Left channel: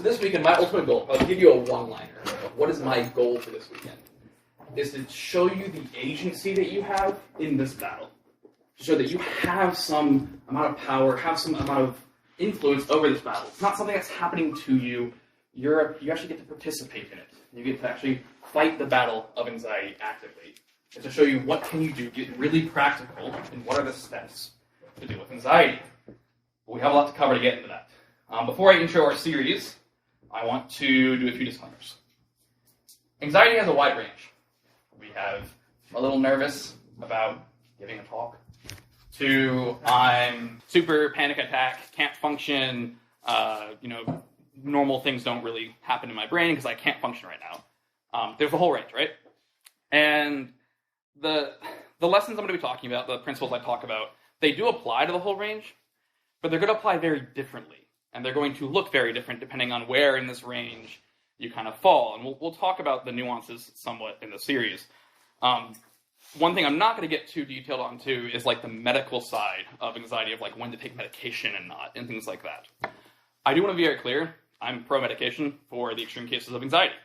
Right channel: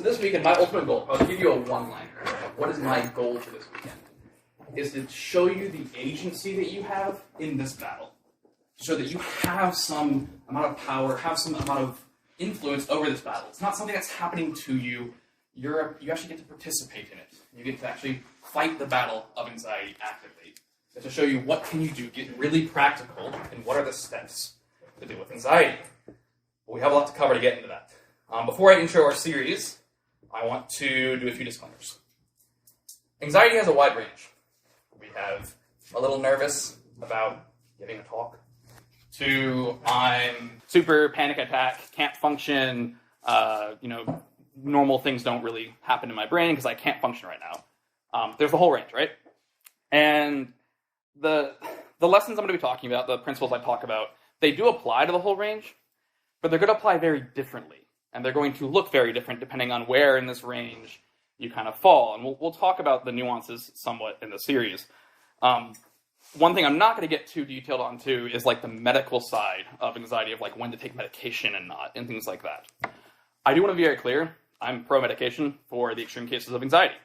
So this weekend, my ultimate goal, I'll give you a one-liner. What is my goal for this weekend? Is to show you the agency that you have in this battle. To show that you have some amount of power, have some amount of influence over this battle. It's not something that's happening to you. You actually get to participate in it. You get to actually fight the battle of anxiety actively. It's to show you what can you do, get really practical, and what are the steps to deal with anxiety. But we have a lot to cover to get into that. Before I intro our series, I want to do a few disclaimers. Anxiety has a wide range. We have a little nervous about giving a talk, to I'm super panic attack, can't function, normal things don't really happen in my brain because I can't function right now. There's a whole range, right? And the lessons I'm going to be talking about, the principles I talk about, they do apply to the whole range, but they're going to apply very differently. And they're going to look very different depending on where in this range you kind of fall. And we'll talk about the nuances somewhat in the series. One thing I'm not going to get too detailed on too is like the medical side of anxiety, of like when to take medication and not, and things like that. I do want to be very clear. I'm pro-medication for the extreme cases of anxiety.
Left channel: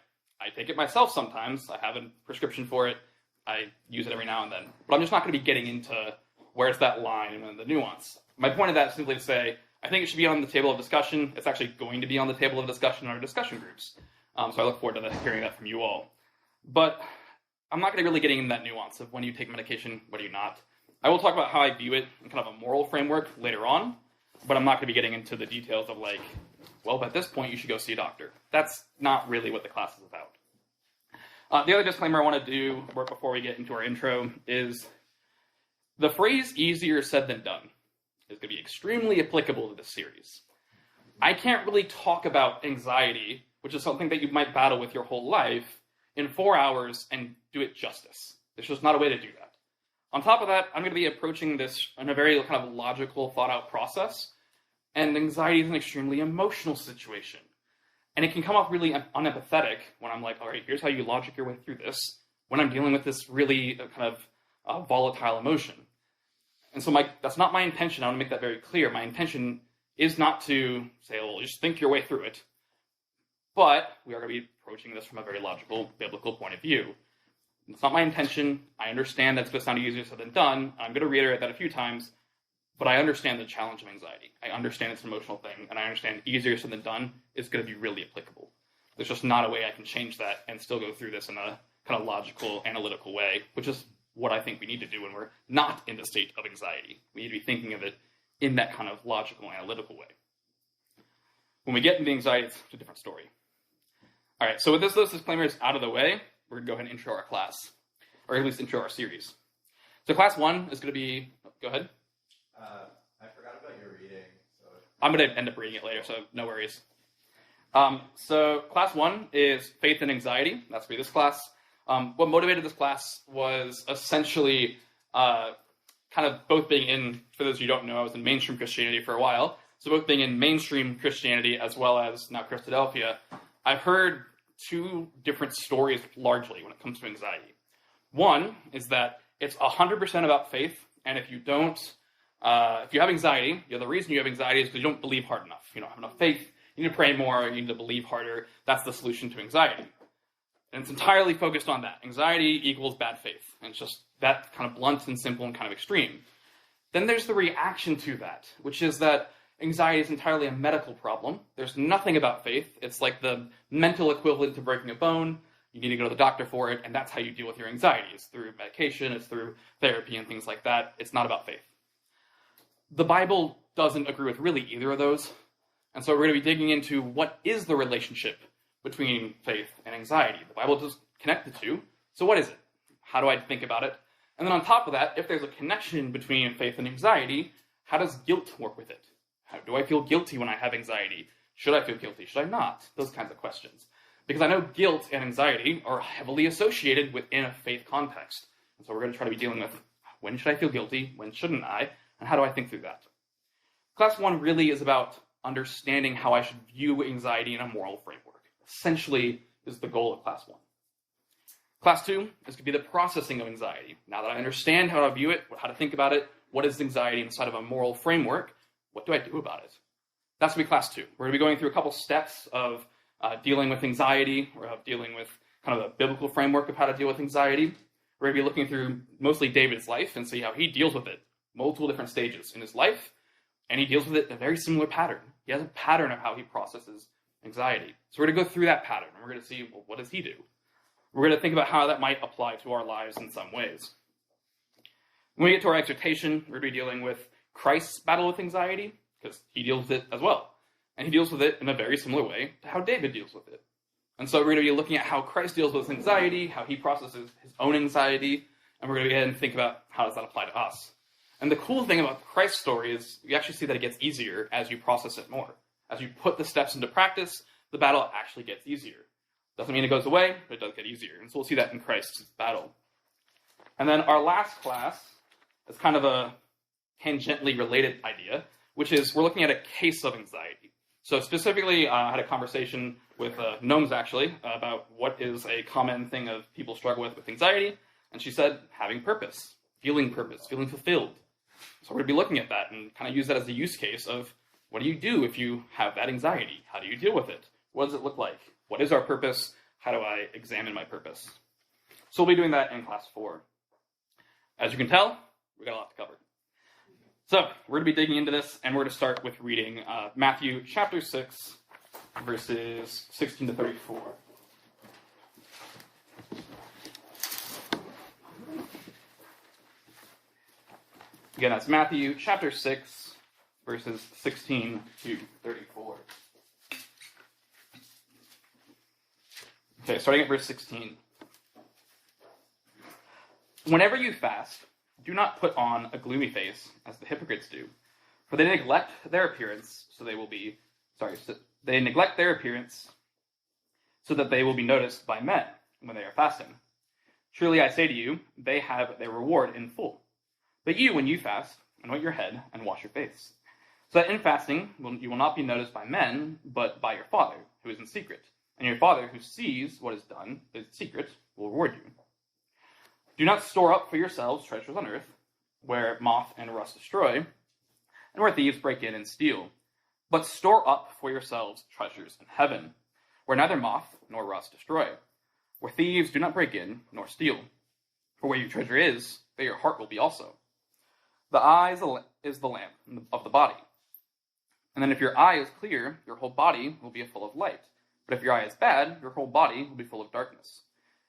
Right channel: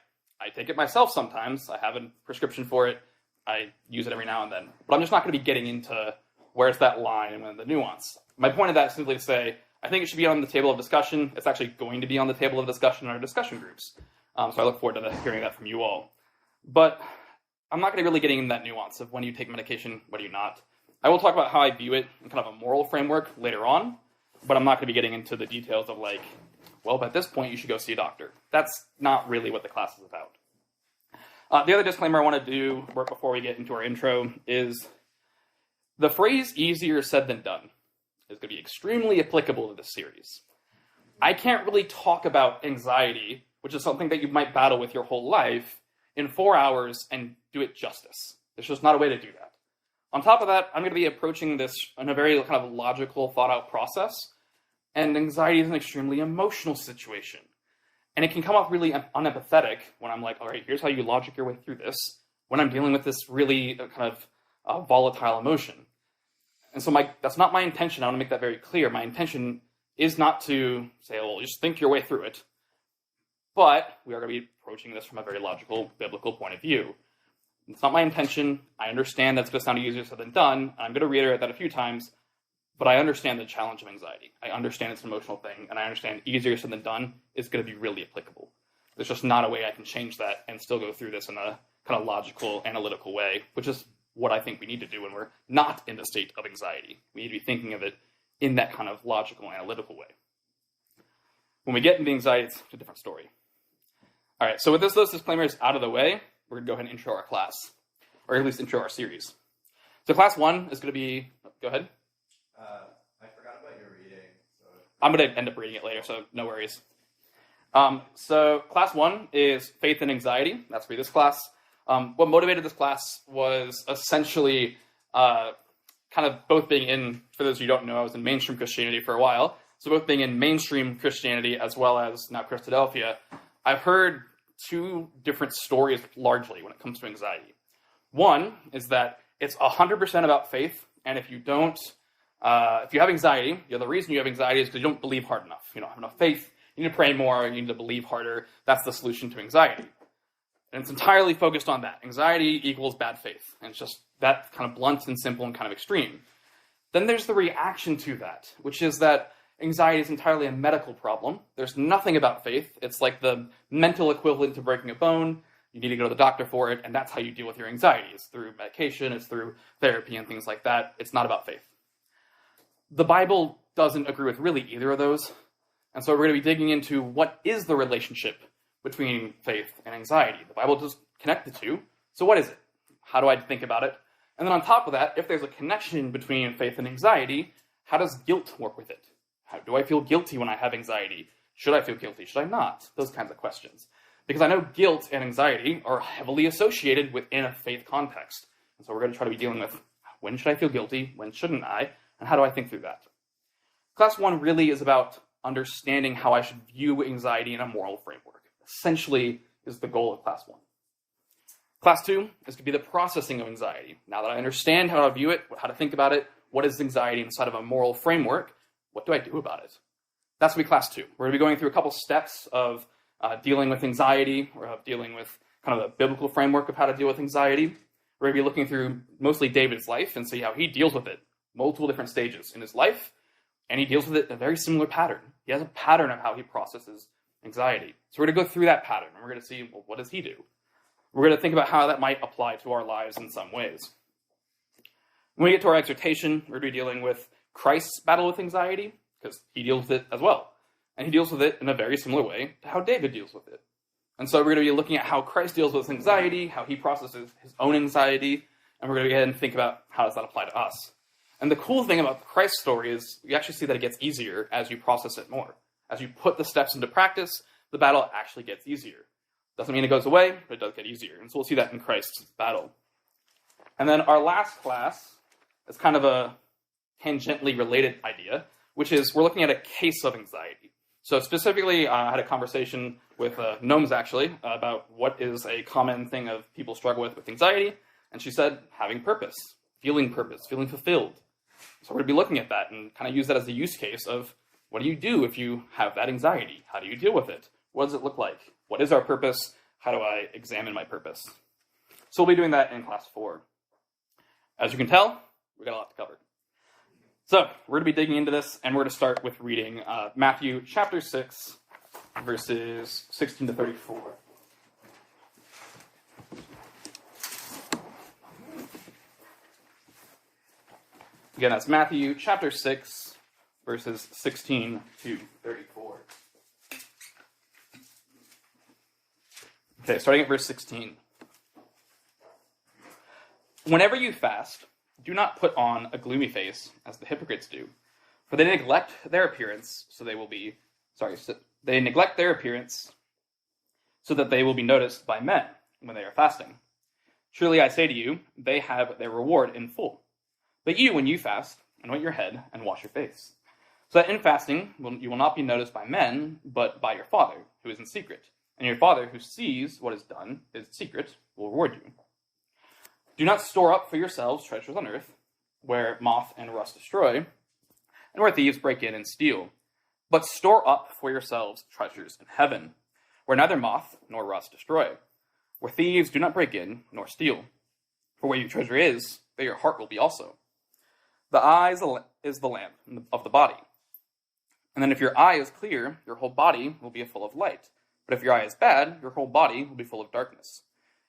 I take it myself sometimes. I have a prescription for it. I use it every now and then. But I'm just not going to be getting into where's that line and the nuance. My point of that is simply to say, I think it should be on the table of discussion. It's actually going to be on the table of discussion in our discussion groups. So I look forward to hearing that from you all. But I'm not going to be really getting into that nuance of when you take medication, when do you not. I will talk about how I view it in kind of a moral framework later on, but I'm not going to be getting into the details of like, well, at this point you should go see a doctor. That's not really what the class is about. The other disclaimer I want to do before we get into our intro is the phrase easier said than done is going to be extremely applicable to this series. I can't really talk about anxiety, which is something that you might battle with your whole life, in 4 hours and do it justice. There's just not a way to do that. On top of that, I'm going to be approaching this in a very kind of logical, thought-out process, and anxiety is an extremely emotional situation. And it can come off really unempathetic when I'm like, all right, here's how you logic your way through this, when I'm dealing with this really kind of volatile emotion. And so that's not my intention. I want to make that very clear. My intention is not to say, well, just think your way through it. But we are going to be approaching this from a very logical, biblical point of view. It's not my intention. I understand that's going to sound easier said than done. I'm going to reiterate that a few times. But I understand the challenge of anxiety. I understand it's an emotional thing. And I understand easier said than done is going to be really applicable. There's just not a way I can change that and still go through this in a kind of logical, analytical way, which is what I think we need to do when we're not in the state of anxiety. We need to be thinking of it in that kind of logical, analytical way. When we get into anxiety, it's a different story. All right, so with those disclaimers out of the way, we're going to go ahead and intro our class, or at least intro our series. So class 1 is going to be, go ahead. I forgot about your reading. So I'm going to end up reading it later, so no worries. So class 1 is Faith and Anxiety. That's going to be this class. What motivated this class was essentially kind of both being in, for those of you who don't know, I was in mainstream Christianity for a while, so both being in mainstream Christianity as well as now Christadelphia, I've heard two different stories largely when it comes to anxiety. One is that it's 100% about faith, and if you don't, if you have anxiety, the reason you have anxiety is because you don't believe hard enough. You don't have enough faith, you need to pray more, you need to believe harder. That's the solution to anxiety. And it's entirely focused on that. Anxiety equals bad faith. And it's just that kind of blunt and simple and kind of extreme. Then there's the reaction to that, which is that anxiety is entirely a medical problem. There's nothing about faith. It's like the mental equivalent to breaking a bone. You need to go to the doctor for it, and that's how you deal with your anxiety. It's through medication, it's through therapy and things like that. It's not about faith. The Bible doesn't agree with really either of those. And so we're going to be digging into what is the relationship between faith and anxiety. The Bible does connect the two. So what is it? How do I think about it? And then on top of that, if there's a connection between faith and anxiety, how does guilt work with it? How do I feel guilty when I have anxiety? Should I feel guilty? Should I not? Those kinds of questions. Because I know guilt and anxiety are heavily associated within a faith context. And so we're going to try to be dealing with when should I feel guilty? When shouldn't I? And how do I think through that? Class 1 really is about understanding how I should view anxiety in a moral framework. Essentially is the goal of class 1. Class 2 is going to be the processing of anxiety. Now that I understand how to view it, how to think about it, what is anxiety inside of a moral framework, what do I do about it? That's going to be class 2. We're going to be going through a couple steps of dealing with anxiety, or of dealing with kind of the biblical framework of how to deal with anxiety. We're going to be looking through mostly David's life and see how he deals with it. Multiple different stages in his life, and he deals with it in a very similar pattern. He has a pattern of how he processes anxiety. So we're going to go through that pattern, and we're going to see, well, what does he do? We're going to think about how that might apply to our lives in some ways. When we get to our exhortation, we're going to be dealing with Christ's battle with anxiety, because he deals with it as well. And he deals with it in a very similar way to how David deals with it. And so we're going to be looking at how Christ deals with anxiety, how he processes his own anxiety, and we're going to go ahead and think about how does that apply to us. And the cool thing about Christ's story is you actually see that it gets easier as you process it more. As you put the steps into practice, the battle actually gets easier. Doesn't mean it goes away, but it does get easier. And so we'll see that in Christ's battle. And then our last class is kind of a tangentially related idea, which is we're looking at a case of anxiety. So specifically, I had a conversation with Gnomes, actually, about what is a common thing of people struggle with anxiety. And she said, having purpose, feeling fulfilled. So we're going to be looking at that and kind of use that as a use case of what do you do if you have that anxiety? How do you deal with it? What does it look like? What is our purpose? How do I examine my purpose? So we'll be doing that in class 4. As you can tell, we got a lot to cover. So we're going to be digging into this, and we're going to start with reading Matthew chapter 6, verses 16 to 34. Again, that's Matthew chapter 6, verses 16 to 34. Okay, starting at verse 16. Whenever you fast, do not put on a gloomy face, as the hypocrites do, for they neglect their appearance, so they neglect their appearance, so that they will be noticed by men when they are fasting. Truly I say to you, they have their reward in full. But you, when you fast, anoint your head and wash your face, so that in fasting you will not be noticed by men, but by your Father who is in secret. And your Father who sees what is done in secret will reward you. Do not store up for yourselves treasures on earth, where moth and rust destroy, and where thieves break in and steal. But store up for yourselves treasures in heaven, where neither moth nor rust destroy, where thieves do not break in nor steal. For where your treasure is, there your heart will be also. The eye is the lamp of the body. And then if your eye is clear, your whole body will be full of light. But if your eye is bad, your whole body will be full of darkness.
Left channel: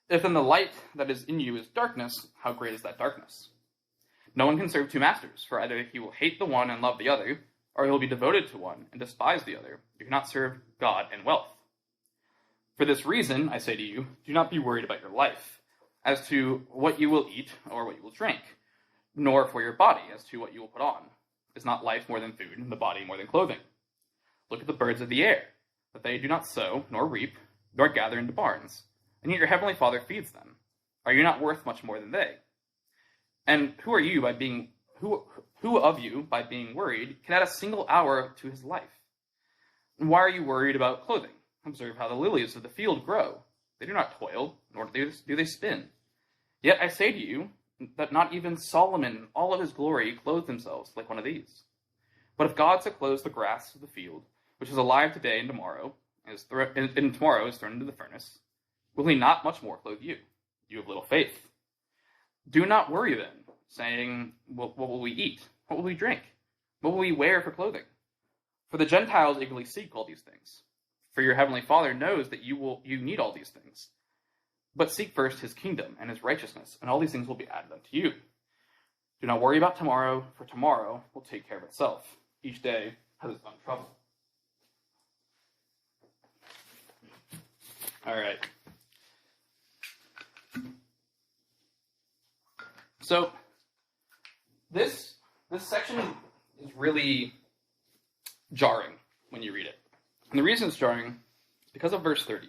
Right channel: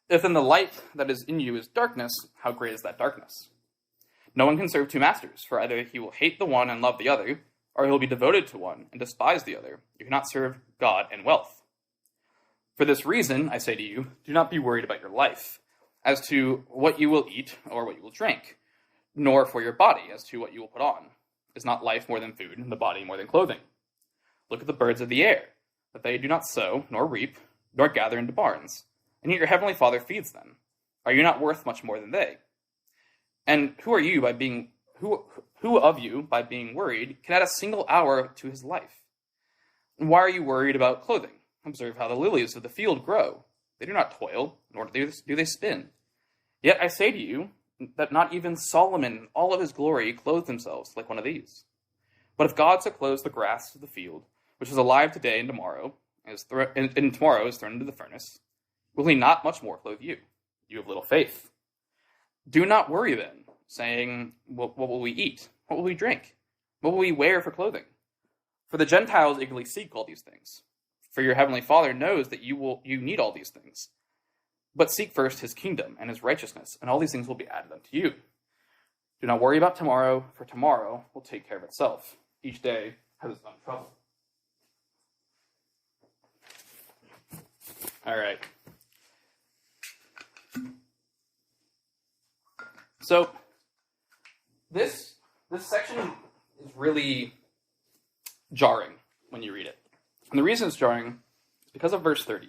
If then the light that is in you is darkness, how great is that darkness? No one can serve 2 masters, for either he will hate the one and love the other, or he will be devoted to one and despise the other. You cannot serve God and wealth. For this reason, I say to you, do not be worried about your life, as to what you will eat or what you will drink, nor for your body, as to what you will put on. Is not life more than food, and the body more than clothing? Look at the birds of the air, that they do not sow, nor reap, nor gather into barns, and yet your heavenly Father feeds them. Are you not worth much more than they? And who of you, by being worried, can add a single hour to his life? And why are you worried about clothing? Observe how the lilies of the field grow. They do not toil, nor do they spin. Yet I say to you that not even Solomon in all of his glory clothed himself like one of these. But if God so clothes the grass of the field, which is alive today and tomorrow, and tomorrow is thrown into the furnace, will he not much more clothe you, you of little faith? Do not worry then, saying, what will we eat? What will we drink? What will we wear for clothing? For the Gentiles eagerly seek all these things. For your heavenly Father knows that you need all these things. But seek first his kingdom and his righteousness, and all these things will be added unto you. Do not worry about tomorrow, for tomorrow will take care of itself. Each day has its own trouble. All right. So this section is really jarring when you read it. And the reason it's jarring is because of verse 30.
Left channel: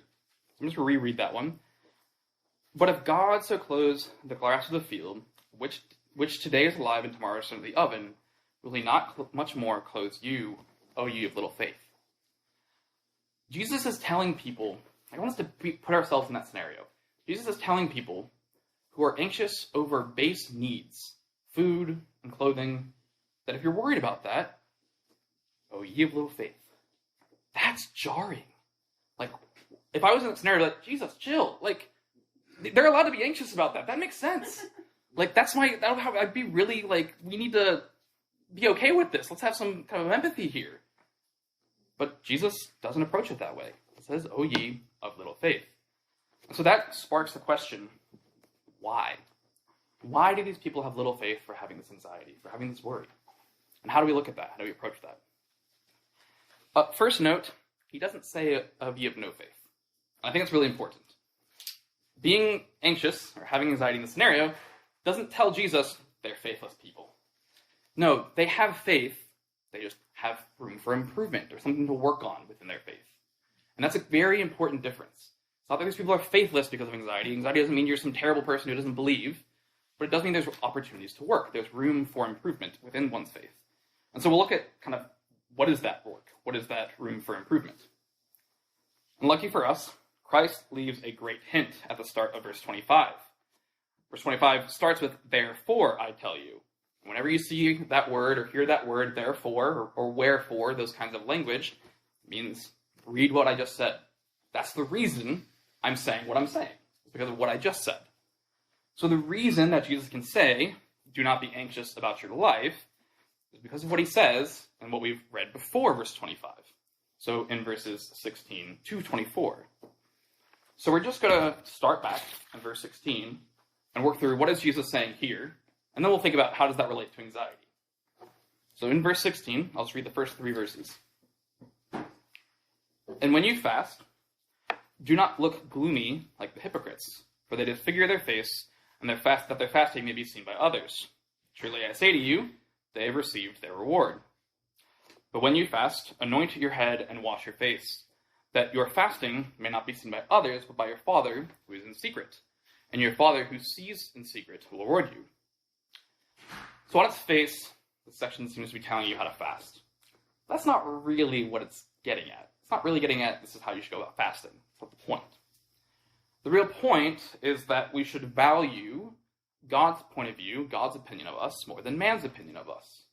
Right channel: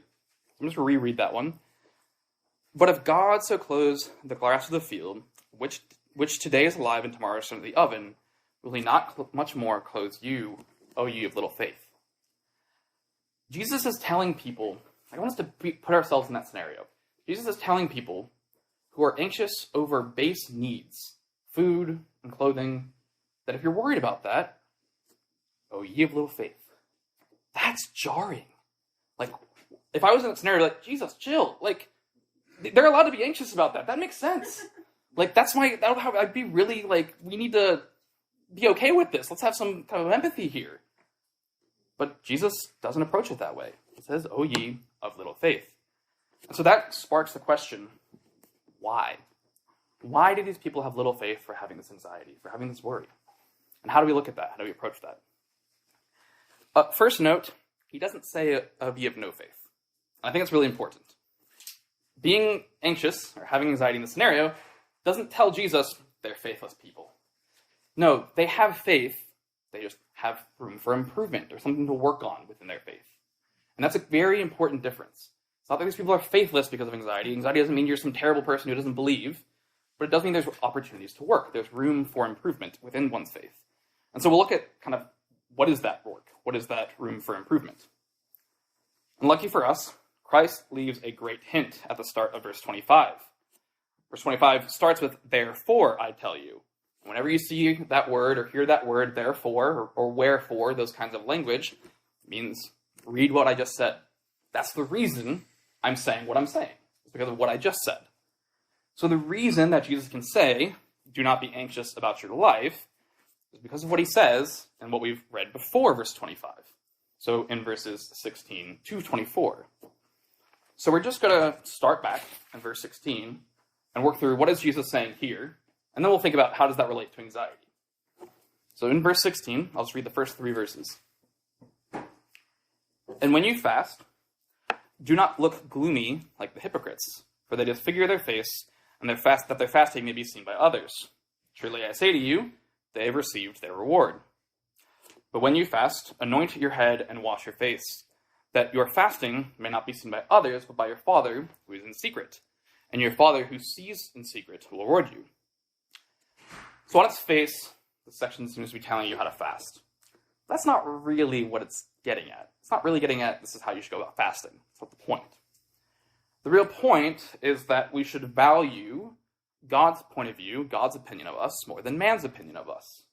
I'm just going to reread that one. But if God so clothes the grass of the field, which today is alive and tomorrow is thrown into the oven, will he not much more clothe you, O ye of little faith? Jesus is telling people, I want us to put ourselves in that scenario. Jesus is telling people who are anxious over base needs, food and clothing, that if you're worried about that, O ye of little faith. That's jarring. Like, if I was in that scenario, like, Jesus, chill. Like, they're allowed to be anxious about that. That makes sense. Like, I'd be really, like, we need to be okay with this. Let's have some kind of empathy here. But Jesus doesn't approach it that way. He says, "O ye of little faith." And so that sparks the question, why? Why do these people have little faith for having this anxiety, for having this worry? And how do we look at that? How do we approach that? First note, he doesn't say, "Of ye of no faith." I think it's really important. Being anxious or having anxiety in the scenario doesn't tell Jesus they're faithless people. No, they have faith. They just have room for improvement or something to work on within their faith. And that's a very important difference. It's not that these people are faithless because of anxiety. Anxiety doesn't mean you're some terrible person who doesn't believe, but it does mean there's opportunities to work. There's room for improvement within one's faith. And so we'll look at kind of what is that work? What is that room for improvement? And lucky for us, Christ leaves a great hint at the start of verse 25. Verse 25 starts with, "Therefore, I tell you." Whenever you see that word or hear that word, therefore, or wherefore, those kinds of language, it means read what I just said. That's the reason I'm saying what I'm saying. It's because of what I just said. So the reason that Jesus can say, "Do not be anxious about your life," is because of what he says and what we've read before verse 25. So in verses 16 to 24. So we're just going to start back in verse 16 and work through what is Jesus saying here, and then we'll think about how does that relate to anxiety. So in verse 16, I'll just read the first 3 verses. "And when you fast, do not look gloomy like the hypocrites, for they disfigure their face, and that their fasting may be seen by others. Truly I say to you, they have received their reward. But when you fast, anoint your head and wash your face, that your fasting may not be seen by others, but by your Father who is in secret. And your Father who sees in secret will reward you." So on its face, this section seems to be telling you how to fast. That's not really what it's getting at. It's not really getting at this is how you should go about fasting. That's not the point. The real point is that we should value God's point of view, God's opinion of us, more than man's opinion of us.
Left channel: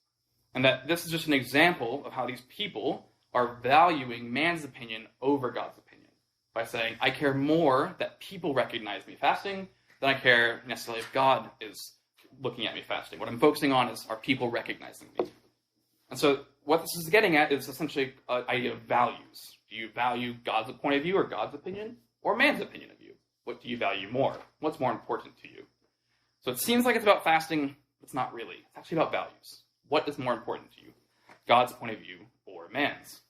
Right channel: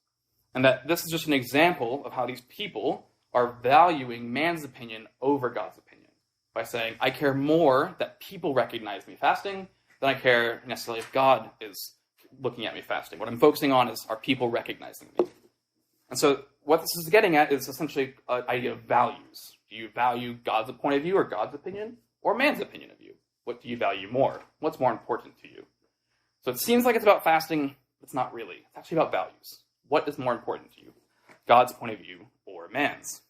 And that this is just an example of how these people are valuing man's opinion over God's opinion. By saying, I care more that people recognize me fasting than I care necessarily if God is looking at me fasting. What I'm focusing on is, are people recognizing me? And so what this is getting at is essentially an idea of values. Do you value God's point of view or God's opinion, or man's opinion of you? What do you value more? What's more important to you? So it seems like it's about fasting. It's not really. It's actually about values. What is more important to you? God's point of view or man's?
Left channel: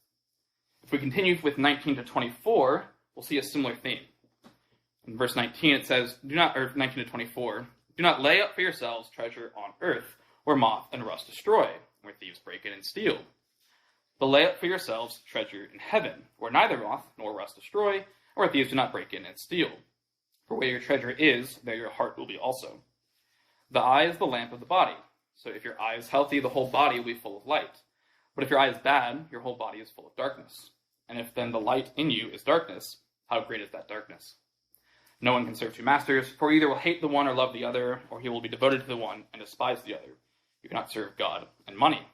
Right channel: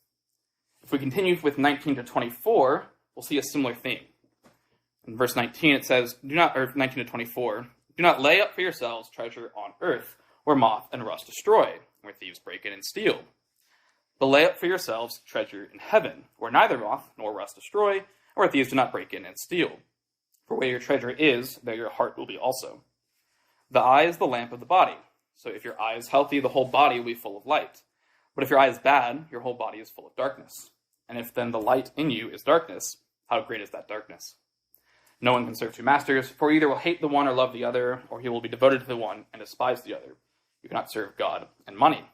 If we continue with 19 to 24, we'll see a similar theme. In verse 19 it says, 19 to 24, "Do not lay up for yourselves treasure on earth, where moth and rust destroy, where thieves break in and steal. But lay up for yourselves treasure in heaven, where neither moth nor rust destroy, and where thieves do not break in and steal. For where your treasure is, there your heart will be also. The eye is the lamp of the body. So if your eye is healthy, the whole body will be full of light. But if your eye is bad, your whole body is full of darkness. And if then the light in you is darkness, how great is that darkness? No one can serve 2 masters, for either will hate the one or love the other, or he will be devoted to the one and despise the other. You cannot serve God and money."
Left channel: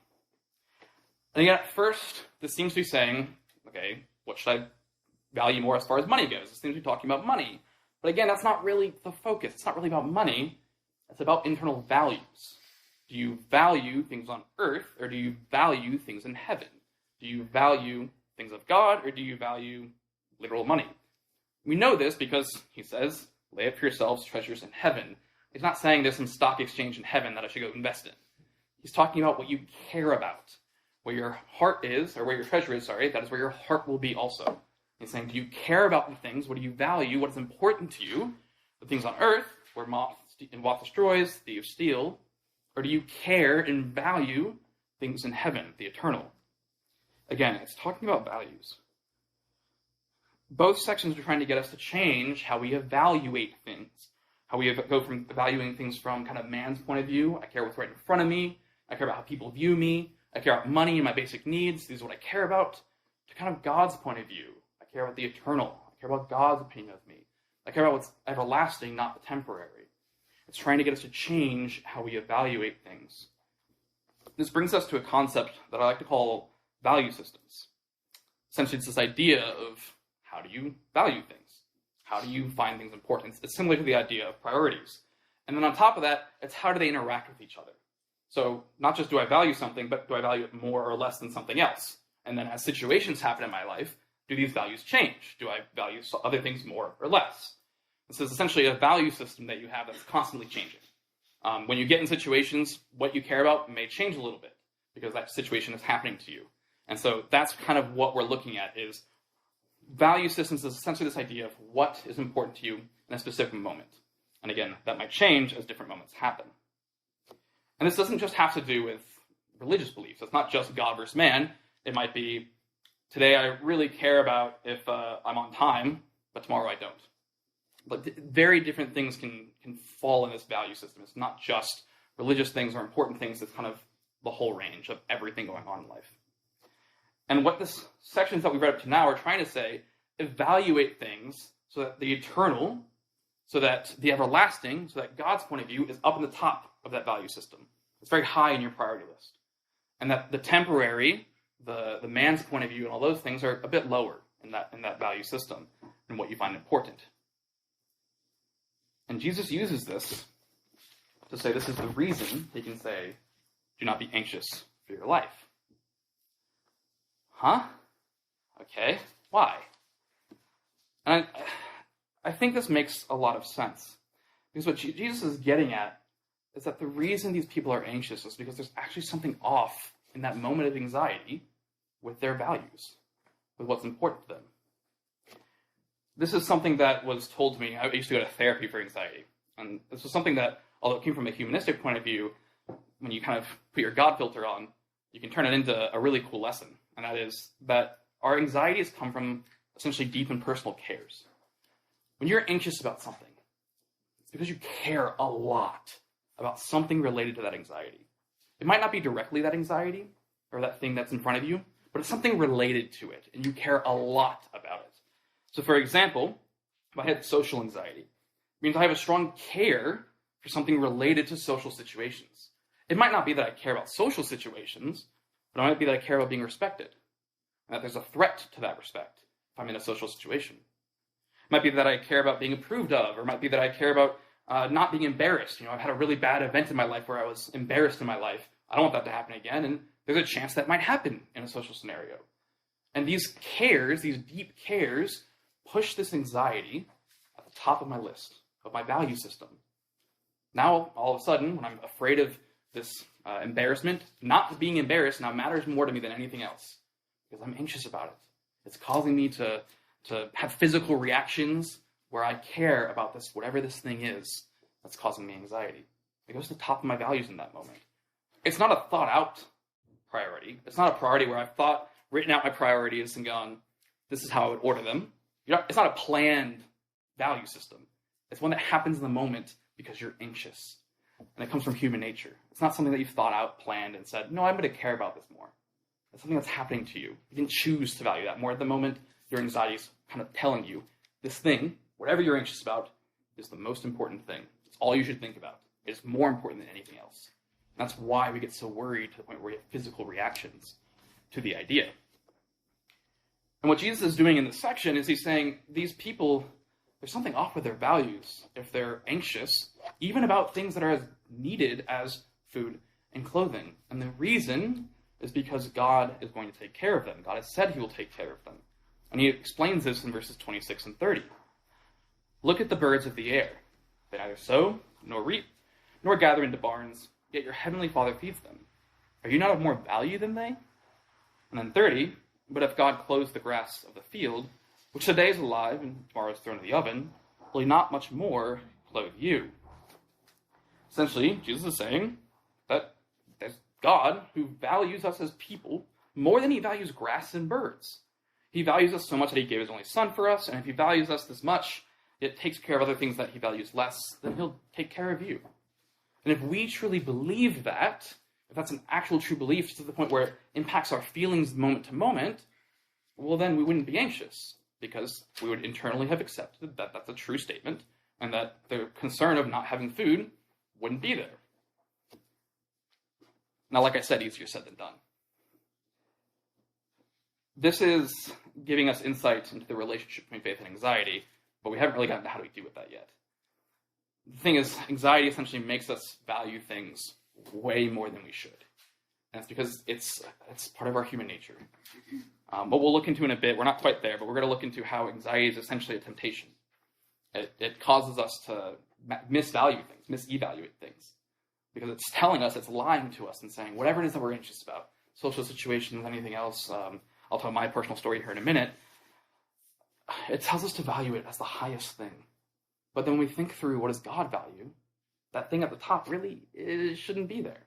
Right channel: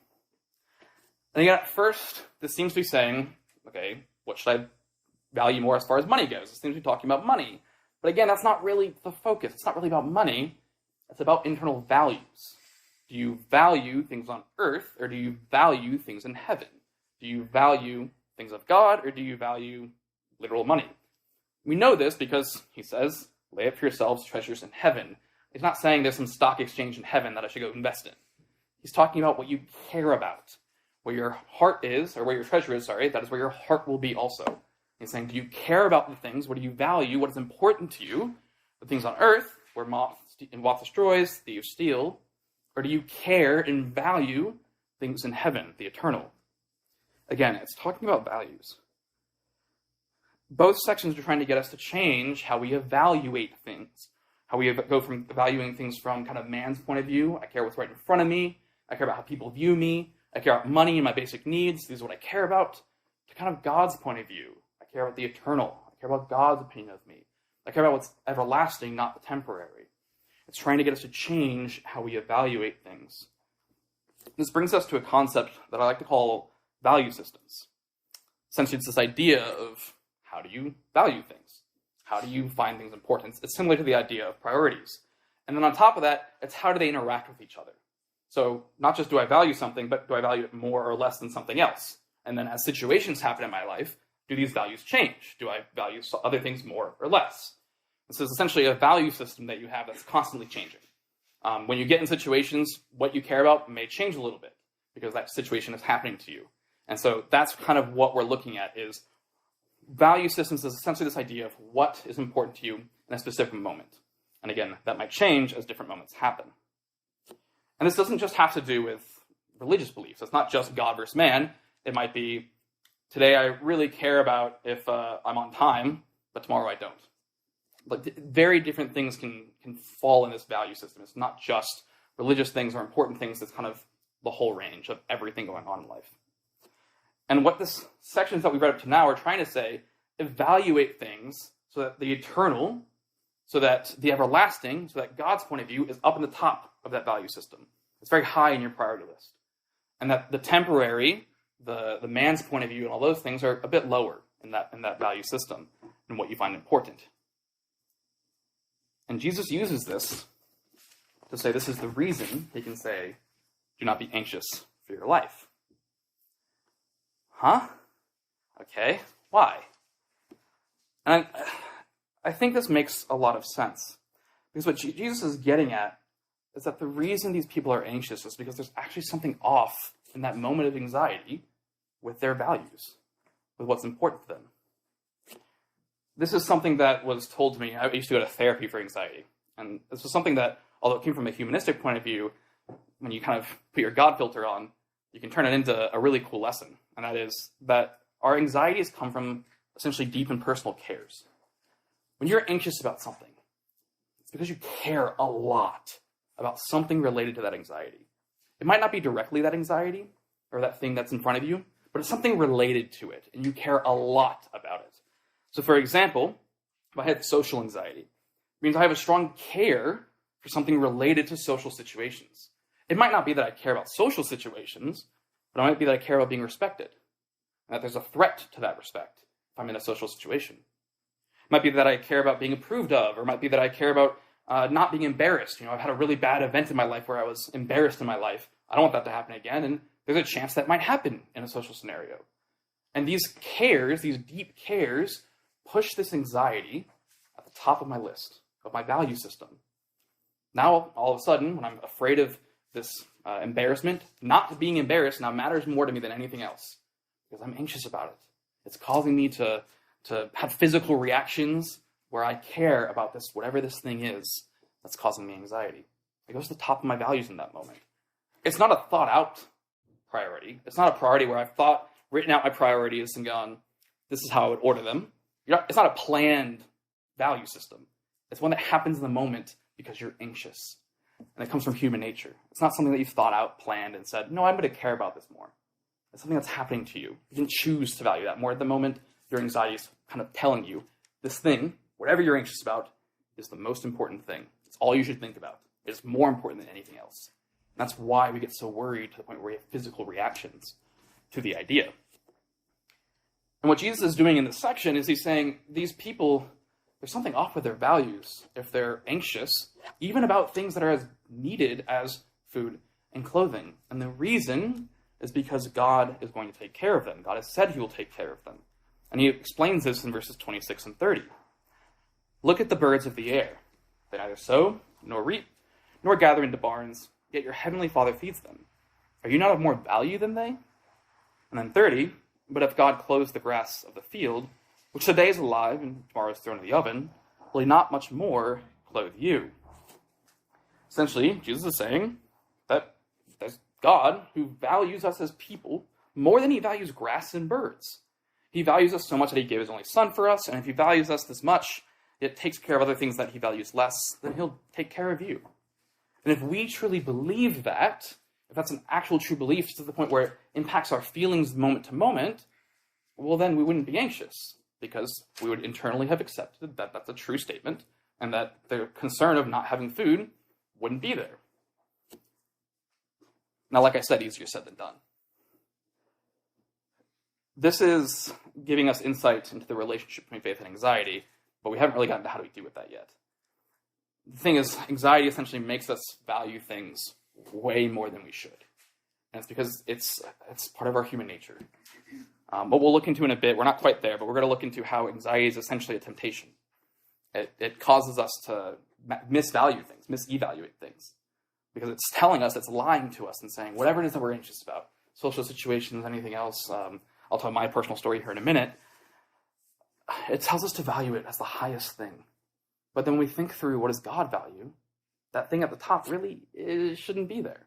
And again, at first, this seems to be saying, okay, what should I value more as far as money goes? It seems to be talking about money. But again, that's not really the focus. It's not really about money. It's about internal values. Do you value things on earth, or do you value things in heaven? Do you value things of God, or do you value literal money? We know this because he says, lay up for yourselves treasures in heaven. He's not saying there's some stock exchange in heaven that I should go invest in. He's talking about what you care about. Where your heart is, or where your treasure is, that is where your heart will be also. He's saying, do you care about the things? What do you value? What is important to you? The things on earth, where moth destroys, thieves steal. Or do you care and value things in heaven, the eternal? Again, it's talking about values. Both sections are trying to get us to change how we evaluate things. How we go from valuing things from kind of man's point of view. I care what's right in front of me. I care about how people view me. I care about money and my basic needs. These are what I care about. To kind of God's point of view. I care about the eternal. I care about God's opinion of me. I care about what's everlasting, not the temporary. It's trying to get us to change how we evaluate things. This brings us to a concept that I like to call value systems. Essentially, it's this idea of how do you value things? How do you find things important? It's similar to the idea of priorities. And then on top of that, it's how do they interact with each other? So not just do I value something, but do I value it more or less than something else? And then as situations happen in my life, do these values change? Do I value other things more or less? This is essentially a value system that you have that's constantly changing. When you get in situations, what you care about may change a little bit because that situation is happening to you. And so that's kind of what we're looking at is value systems is essentially this idea of what is important to you in a specific moment. And again, that might change as different moments happen. And this doesn't just have to do with religious beliefs. It's not just God versus man. It might be, today I really care about if I'm on time, but tomorrow I don't. But very different things can fall in this value system. It's not just religious things or important things. It's kind of the whole range of everything going on in life. And what this sections that we've read up to now are trying to say, evaluate things so that the eternal, so that the everlasting, so that God's point of view is up in the top of that value system. It's very high in your priority list. And that the temporary, the man's point of view and all those things are a bit lower in that value system and what you find important. And Jesus uses this to say this is the reason he can say, do not be anxious for your life. Huh? Okay, why? And I think this makes a lot of sense. Because what Jesus is getting at is that the reason these people are anxious is because there's actually something off in that moment of anxiety with their values, with what's important to them. This is something that was told to me. I used to go to therapy for anxiety. And this was something that, although it came from a humanistic point of view, when you kind of put your God filter on, you can turn it into a really cool lesson. And that is that our anxieties come from essentially deep and personal cares. When you're anxious about something, it's because you care a lot about something related to that anxiety. It might not be directly that anxiety or that thing that's in front of you, but it's something related to it, and you care a lot about it. So for example, if I have social anxiety, it means I have a strong care for something related to social situations. It might not be that I care about social situations, but it might be that I care about being respected, and that there's a threat to that respect if I'm in a social situation. It might be that I care about being approved of, or it might be that I care about not being embarrassed. I've had a really bad event in my life where I was embarrassed in my life. I don't want that to happen again, and there's a chance that might happen in a social scenario. And these cares, these deep cares, push this anxiety at the top of my list, of my value system. Now, all of a sudden, when I'm afraid of this embarrassment, not being embarrassed now matters more to me than anything else, because I'm anxious about it. It's causing me to have physical reactions where I care about this, whatever this thing is that's causing me anxiety. It goes to the top of my values in that moment. It's not a thought-out priority. It's not a priority where I've written out my priorities and gone, this is how I would order them. It's not a planned value system. It's one that happens in the moment because you're anxious. And it comes from human nature. It's not something that you've thought out, planned, and said, no, I'm going to care about this more. It's something that's happening to you. You can choose to value that more. At the moment, your anxiety is kind of telling you, this thing, whatever you're anxious about, is the most important thing. It's all you should think about. It's more important than anything else. And that's why we get so worried to the point where we have physical reactions to the idea. And what Jesus is doing in this section is he's saying, these people, there's something off with their values if they're anxious, even about things that are as needed as food and clothing. And the reason is because God is going to take care of them. God has said he will take care of them. And he explains this in verses 26 and 30. Look at the birds of the air. They neither sow, nor reap, nor gather into barns, yet your heavenly Father feeds them. Are you not of more value than they? And then 30, but if God clothes the grass of the field, which today is alive and tomorrow is thrown in the oven, will he not much more clothe you? Essentially, Jesus is saying that there's God who values us as people more than he values grass and birds. He values us so much that he gave his only son for us, and if he values us this much, it takes care of other things that he values less, then he'll take care of you. And if we truly believe that, if that's an actual true belief to the point where it impacts our feelings moment to moment, well, then we wouldn't be anxious, because we would internally have accepted that that's a true statement, and that the concern of not having food wouldn't be there. Now, like I said, easier said than done. This is giving us insight into the relationship between faith and anxiety, but we haven't really gotten to how do we do with that yet. The thing is, anxiety essentially makes us value things way more than we should. And it's because it's part of our human nature. What we'll look into in a bit, we're not quite there, but we're going to look into how anxiety is essentially a temptation. It causes us to misvalue things, misevaluate things, because it's telling us, it's lying to us and saying, whatever it is that we're anxious about, social situations, anything else, I'll tell my personal story here in a minute, it tells us to value it as the highest thing. But then when we think through what does God value, that thing at the top really shouldn't be there.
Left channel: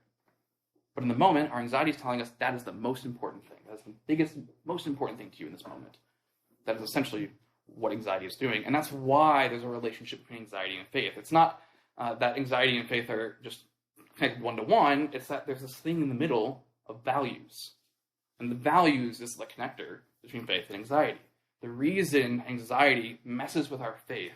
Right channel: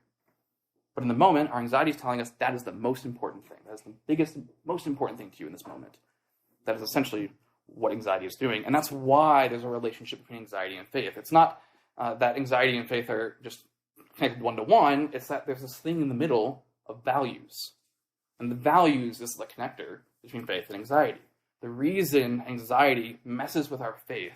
But in the moment, our anxiety is telling us that is the most important thing. That is the biggest, most important thing to you in this moment. That is essentially what anxiety is doing. And that's why there's a relationship between anxiety and faith. It's not that anxiety and faith are just connected one-to-one. It's that there's this thing in the middle of values. And the values is the connector between faith and anxiety. The reason anxiety messes with our faith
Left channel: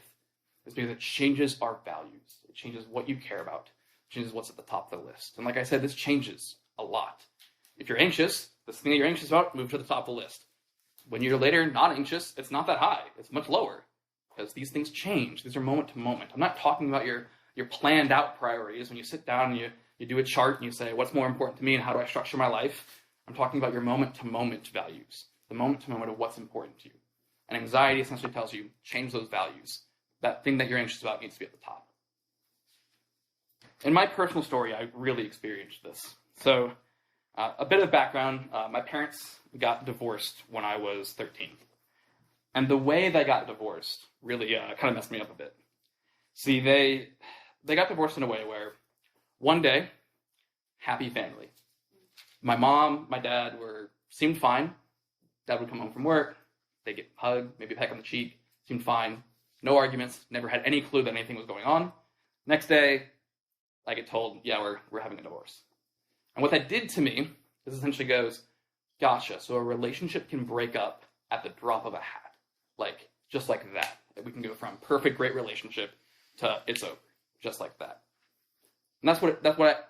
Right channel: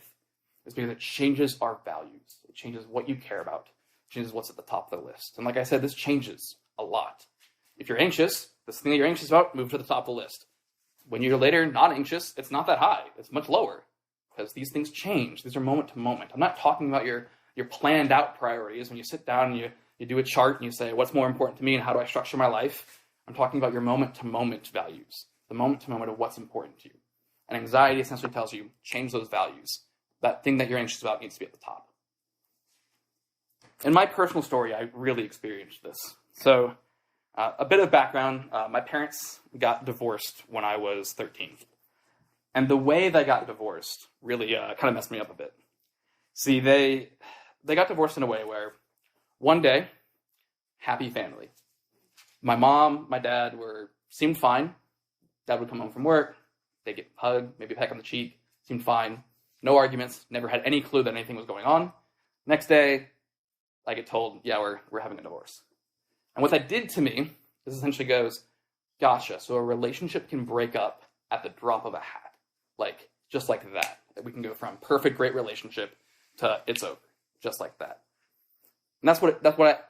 is because it changes our values. It changes what you care about. Changes what's at the top of the list. And like I said, this changes a lot. If you're anxious, this thing that you're anxious about, move to the top of the list. When you're later not anxious, it's not that high. It's much lower because these things change. These are moment to moment. I'm not talking about your planned out priorities. When you sit down and you do a chart and you say, what's more important to me and how do I structure my life? I'm talking about your moment to moment values, the moment to moment of what's important to you. And anxiety essentially tells you, change those values. That thing that you're anxious about needs to be at the top. In my personal story, I really experienced this. So, a bit of background, my parents got divorced when I was 13. And the way they got divorced really kind of messed me up a bit. See, they got divorced in a way where one day, happy family. My mom, my dad seemed fine. Dad would come home from work, they'd get a hug, maybe a peck on the cheek, seemed fine. No arguments, never had any clue that anything was going on. Next day, I get told, yeah, we're having a divorce. And what that did to me is essentially goes, gotcha, so a relationship can break up at the drop of a hat. Like, just like that. We can go from perfect, great relationship to it's over. Just like that. And that's what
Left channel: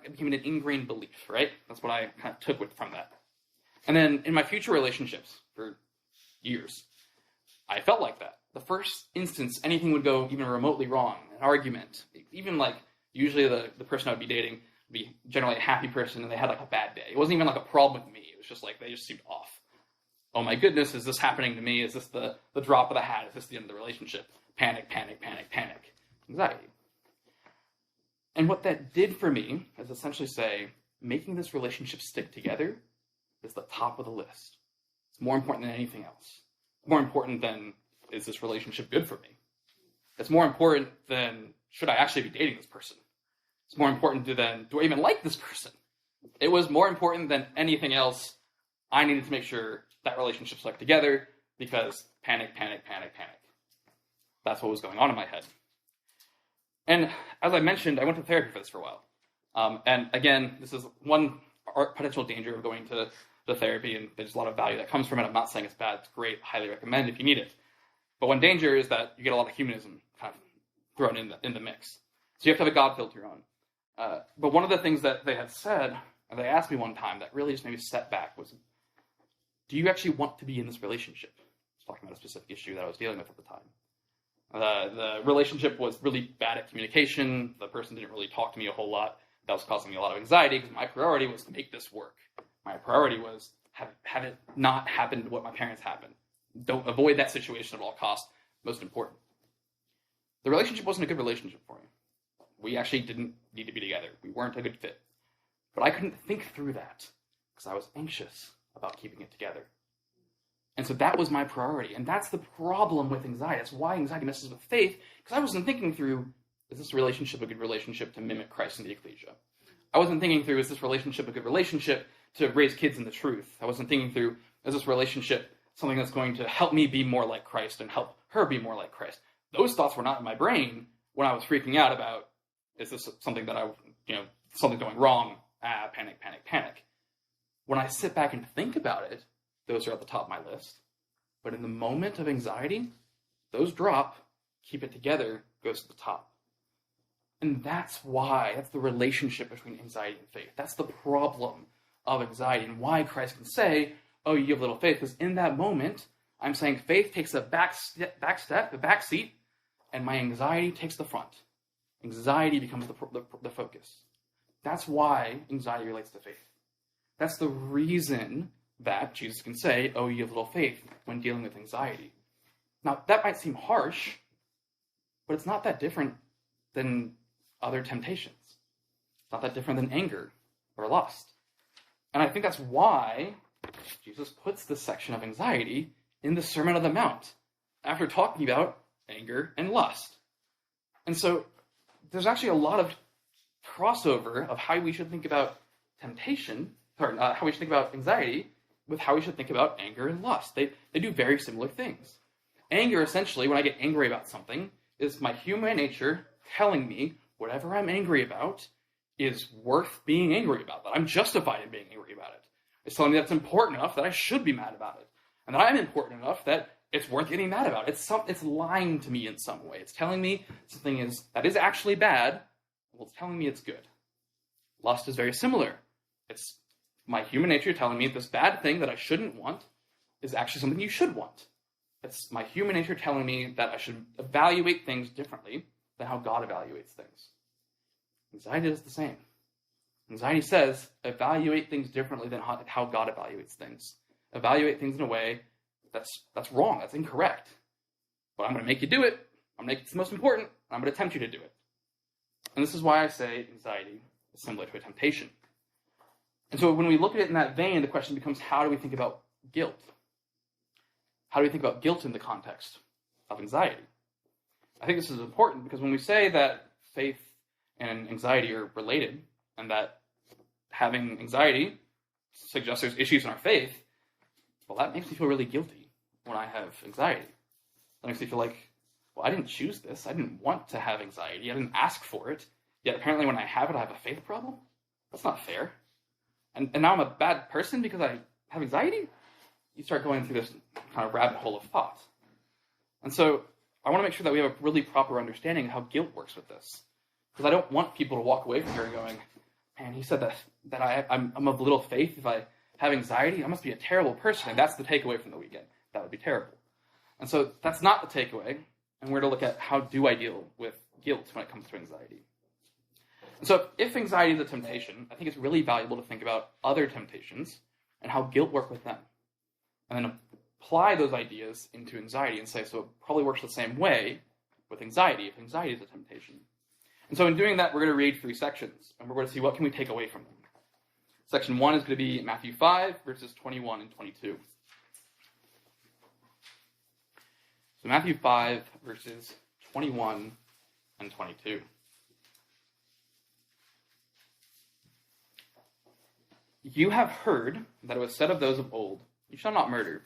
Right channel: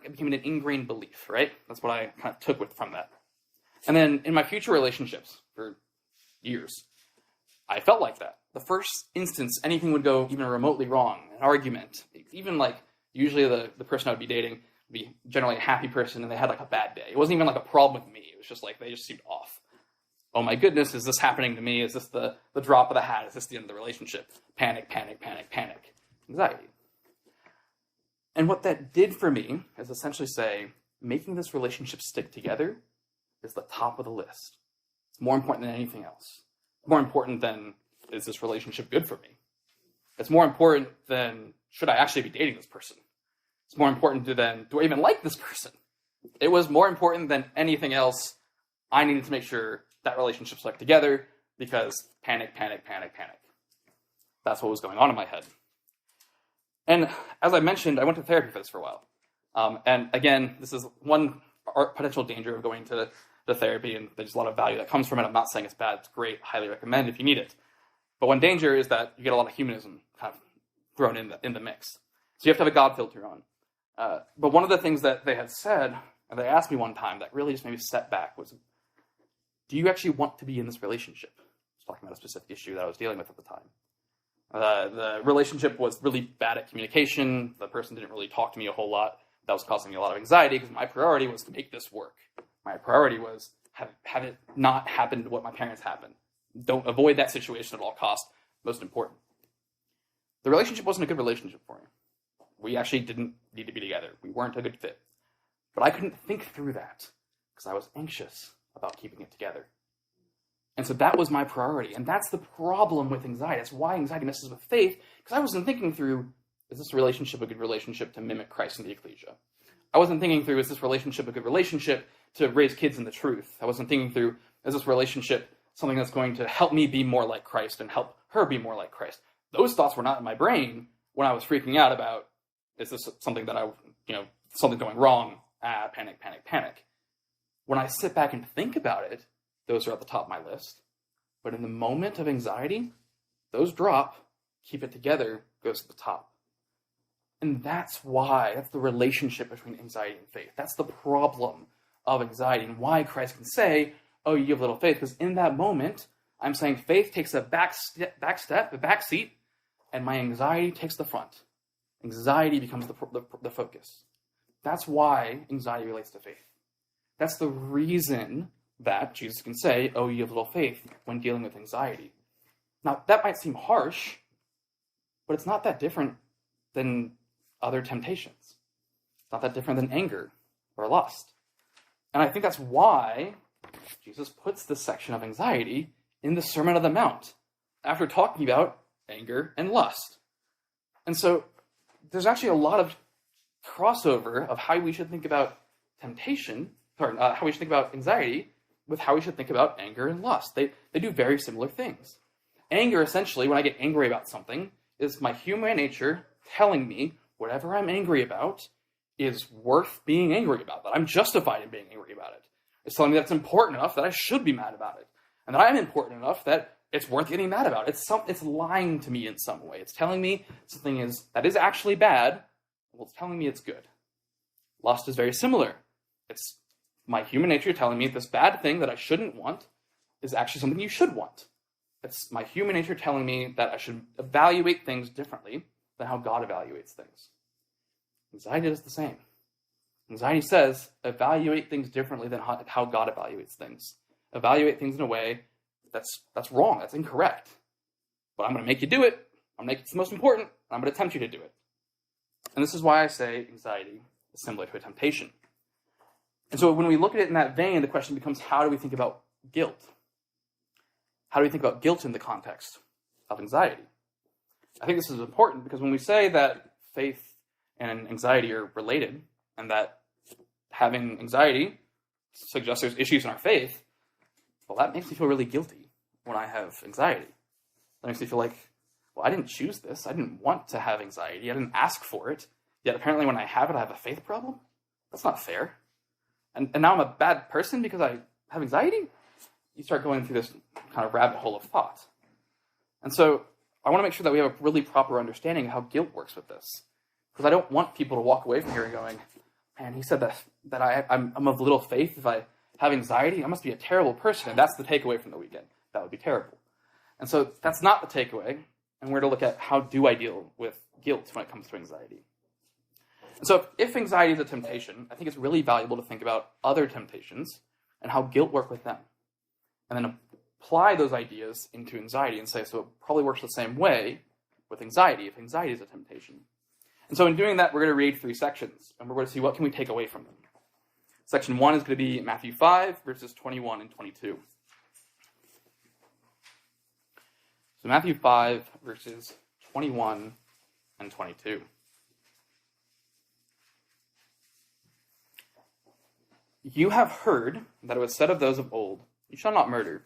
it became an ingrained belief, right? That's what I kind of took from that. And then in my future relationships for years, I felt like that. The first instance anything would go even remotely wrong, an argument, even like usually the person I would be dating would be generally a happy person and they had like a bad day. It wasn't even like a problem with me. It was just like they just seemed off. Oh my goodness, is this happening to me? Is this the drop of the hat? Is this the end of the relationship? Panic, panic, panic, panic. Anxiety. And what that did for me is essentially say, making this relationship stick together is the top of the list. It's more important than anything else. More important than, is this relationship good for me? It's more important than, should I actually be dating this person? It's more important than, do I even like this person? It was more important than anything else. I needed to make sure that relationship stuck together because panic, panic, panic, panic. That's what was going on in my head. And as I mentioned, I went to therapy for this for a while. And again, this is one potential danger of going to therapy, and there's a lot of value that comes from it. I'm not saying it's bad, it's great, highly recommend if you need it. But one danger is that you get a lot of humanism kind of thrown in the mix. So you have to have a God filter on. But one of the things that they had said, and they asked me one time that really just made me step back was, do you actually want to be in this relationship? I was talking about a specific issue that I was dealing with at the time. The relationship was really bad at communication. The person didn't really talk to me a whole lot. That was causing me a lot of anxiety because my priority was to make this work. My priority was have it not happen to what my parents happened. Don't avoid that situation at all costs. Most important. The relationship wasn't a good relationship for me. We actually didn't need to be together. We weren't a good fit. But I couldn't think through that because I was anxious about keeping it together. And so that was my priority. And that's the problem with anxiety. That's why anxiety messes with faith, because I wasn't thinking through, is this relationship a good relationship to mimic Christ in the ecclesia? I wasn't thinking through, is this relationship a good relationship to raise kids in the truth? I wasn't thinking through, is this relationship something that's going to help me be more like Christ and help her be more like Christ? Those thoughts were not in my brain when I was freaking out about, is this something that something going wrong? Panic, panic, panic. When I sit back and think about it, those are at the top of my list. But in the moment of anxiety, those drop, keep it together, goes to the top. And that's the relationship between anxiety and faith. That's the problem of anxiety and why Christ can say, oh, you have little faith, because in that moment, I'm saying faith takes a back seat, and my anxiety takes the front. Anxiety becomes the focus. That's why anxiety relates to faith. That's the reason that Jesus can say, oh, you have little faith, when dealing with anxiety. Now, that might seem harsh, but it's not that different than other temptations. It's not that different than anger or lust. And I think that's why Jesus puts this section of anxiety in the Sermon on the Mount, after talking about anger and lust. And so there's actually a lot of crossover of how we should think about how we should think about anxiety with how we should think about anger and lust. They do very similar things. Anger, essentially, when I get angry about something, is my human nature telling me whatever I'm angry about is worth being angry about, that I'm justified in being angry about it. It's telling me that's important enough that I should be mad about it, and that I'm important enough that it's worth getting mad about. It's lying to me in some way. It's telling me something that is actually bad, well, it's telling me it's good. Lust is very similar. It's my human nature telling me this bad thing that I shouldn't want is actually something you should want. It's my human nature telling me that I should evaluate things differently than how God evaluates things. Anxiety is the same. Anxiety says, evaluate things differently than how God evaluates things. Evaluate things in a way that's wrong, that's incorrect. But I'm going to make you do it. I'm going to make it the most important. I'm going to tempt you to do it. And this is why I say anxiety is similar to a temptation. And so when we look at it in that vein, the question becomes, how do we think about guilt? How do we think about guilt in the context of anxiety? I think this is important because when we say that faith and anxiety are related, and that having anxiety suggests there's issues in our faith, well, that makes me feel really guilty when I have anxiety. That makes me feel like, well, I didn't choose this. I didn't want to have anxiety. I didn't ask for it. Yet apparently when I have it, I have a faith problem? That's not fair. And now I'm a bad person because I have anxiety? You start going through this kind of rabbit hole of thought. And so I want to make sure that we have a really proper understanding of how guilt works with this. Because I don't want people to walk away from here going, man, he said that I'm of little faith. If I have anxiety, I must be a terrible person. And that's the takeaway from the weekend. That would be terrible. And so that's not the takeaway. And we're to look at how do I deal with guilt when it comes to anxiety. And so if anxiety is a temptation, I think it's really valuable to think about other temptations and how guilt work with them. And then apply those ideas into anxiety and say, so it probably works the same way with anxiety, if anxiety is a temptation. And so in doing that, we're going to read 3 sections, and we're going to see what can we take away from them. Section 1 is going to be Matthew 5, verses 21 and 22. So Matthew 5, verses 21 and 22. You have heard that it was said of those of old, you shall not murder,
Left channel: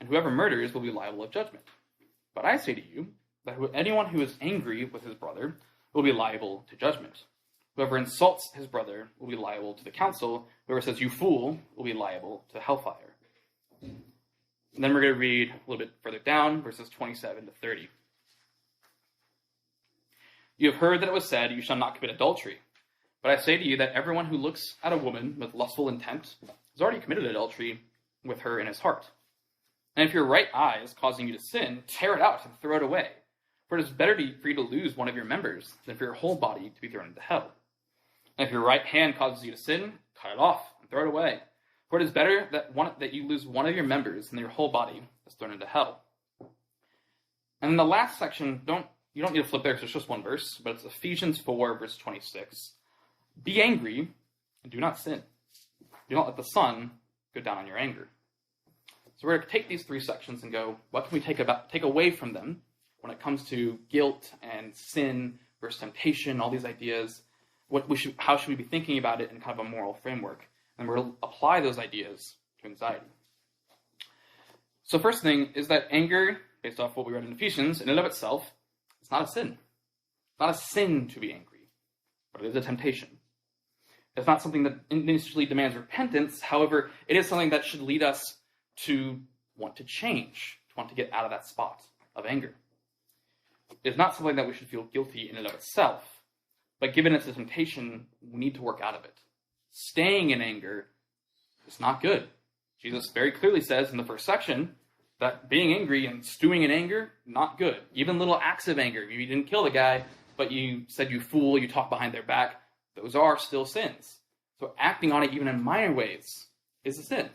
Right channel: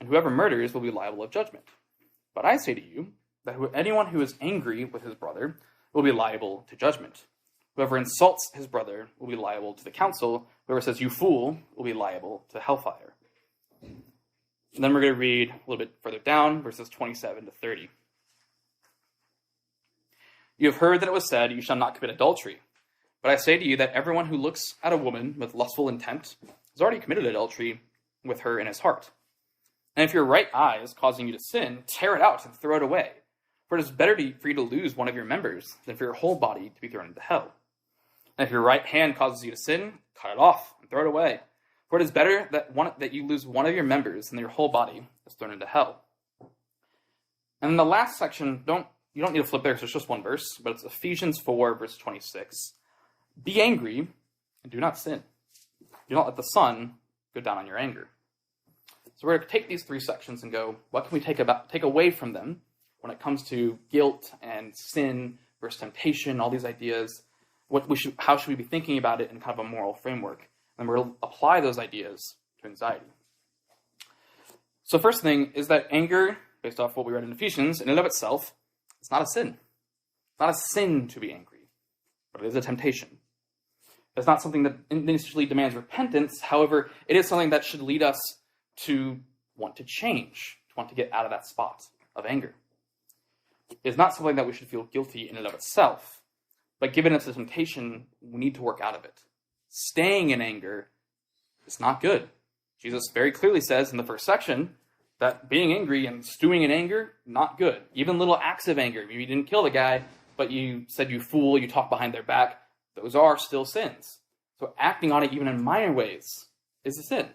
and whoever murders will be liable of judgment. But I say to you that anyone who is angry with his brother will be liable to judgment. Whoever insults his brother will be liable to the council. Whoever says, you fool, will be liable to hellfire. And then we're going to read a little bit further down, verses 27 to 30. You have heard that it was said, you shall not commit adultery. But I say to you that everyone who looks at a woman with lustful intent has already committed adultery with her in his heart. And if your right eye is causing you to sin, tear it out and throw it away. For it is better for you to lose one of your members than for your whole body to be thrown into hell. And if your right hand causes you to sin, cut it off and throw it away. For it is better that you lose one of your members than your whole body is thrown into hell. And in the last section, you don't need to flip there because it's just one verse, but it's Ephesians 4, verse 26. Be angry and do not sin. Do not let the sun go down on your anger. So we're going to take these 3 sections and go, what can we take away from them when it comes to guilt and sin versus temptation, all these ideas? How should we be thinking about it in kind of a moral framework? And we're going to apply those ideas to anxiety. So first thing is that anger, based off what we read in Ephesians, in and of itself, it's not a sin. It's not a sin to be angry, but it is a temptation. It's not something that initially demands repentance. However, it is something that should lead us to want to change, to want to get out of that spot of anger. It's not something that we should feel guilty in and of itself, but given it's a temptation, we need to work out of it. Staying in anger is not good. Jesus very clearly says in the first section that being angry and stewing in anger, not good. Even little acts of anger. You didn't kill the guy, but you said you fool, you talk behind their back. Those are still sins. So acting on it even in minor ways is a sin.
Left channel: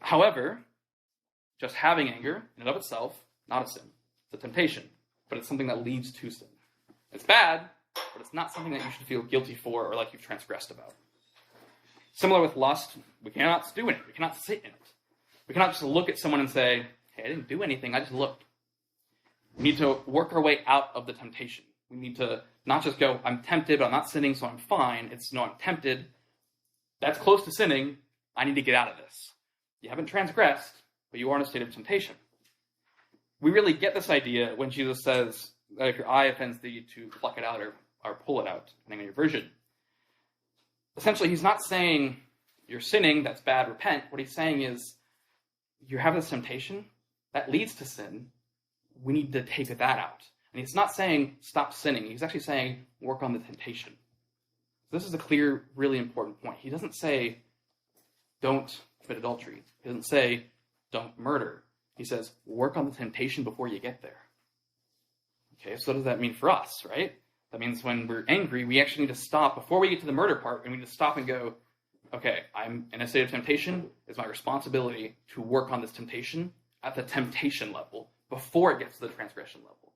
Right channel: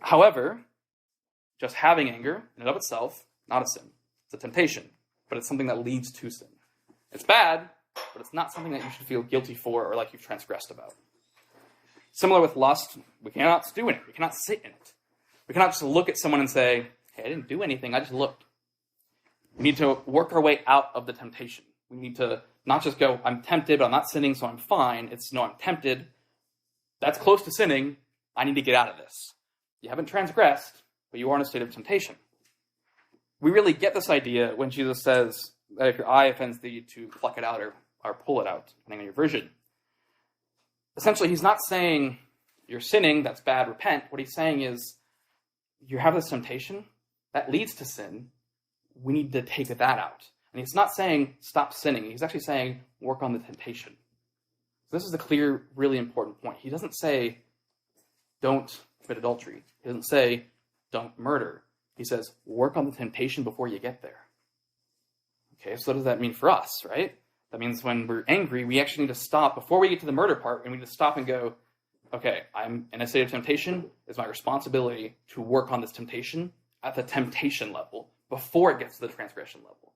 However, just having anger in and of itself, not a sin. It's a temptation, but it's something that leads to sin. It's bad, but it's not something that you should feel guilty for or like you've transgressed about. Similar with lust, we cannot stew in it. We cannot sit in it. We cannot just look at someone and say, hey, I didn't do anything, I just looked. We need to work our way out of the temptation. We need to not just go, I'm tempted, but I'm not sinning, so I'm fine. It's, no, I'm tempted. That's close to sinning. I need to get out of this. You haven't transgressed, but you are in a state of temptation. We really get this idea when Jesus says that if your eye offends thee, to pluck it out or pull it out, depending on your version. Essentially, he's not saying you're sinning, that's bad, repent. What he's saying is you have this temptation that leads to sin. We need to take that out. And he's not saying stop sinning. He's actually saying work on the temptation. So this is a clear, really important point. He doesn't say don't commit adultery. He doesn't say don't murder. He says work on the temptation before you get there. Okay, so what does that mean for us, right? That means when we're angry, we actually need to stop. Before we get to the murder part, we need to stop and go, okay, I'm in a state of temptation. It's my responsibility to work on this temptation at the temptation level before it gets to the transgression level.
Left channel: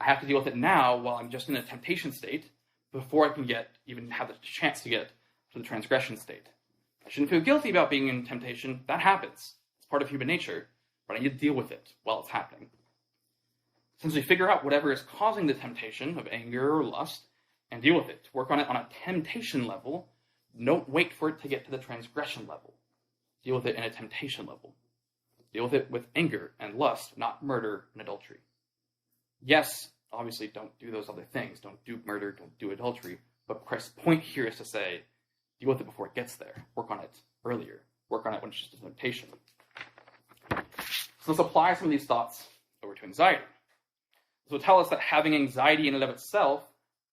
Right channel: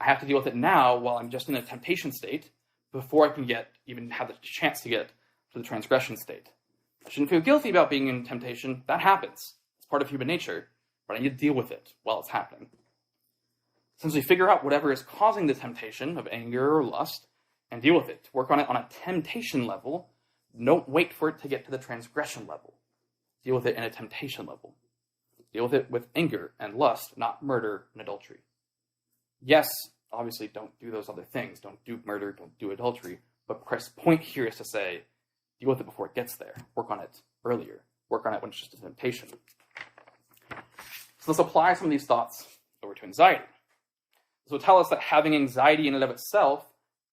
I have to deal with it now while I'm just in a temptation state before I can even have the chance to get to the transgression state. I shouldn't feel guilty about being in temptation. That happens. It's part of human nature, but I need to deal with it while it's happening. Since we figure out whatever is causing the temptation of anger or lust and deal with it, work on it on a temptation level, don't wait for it to get to the transgression level. Deal with it in a temptation level. Deal with it with anger and lust, not murder and adultery. Yes, obviously don't do those other things. Don't do murder, don't do adultery. But Christ's point here is to say, deal with it before it gets there. Work on it earlier. Work on it when it's just a temptation. So let's apply some of these thoughts over to anxiety. This will tell us that having anxiety in and of itself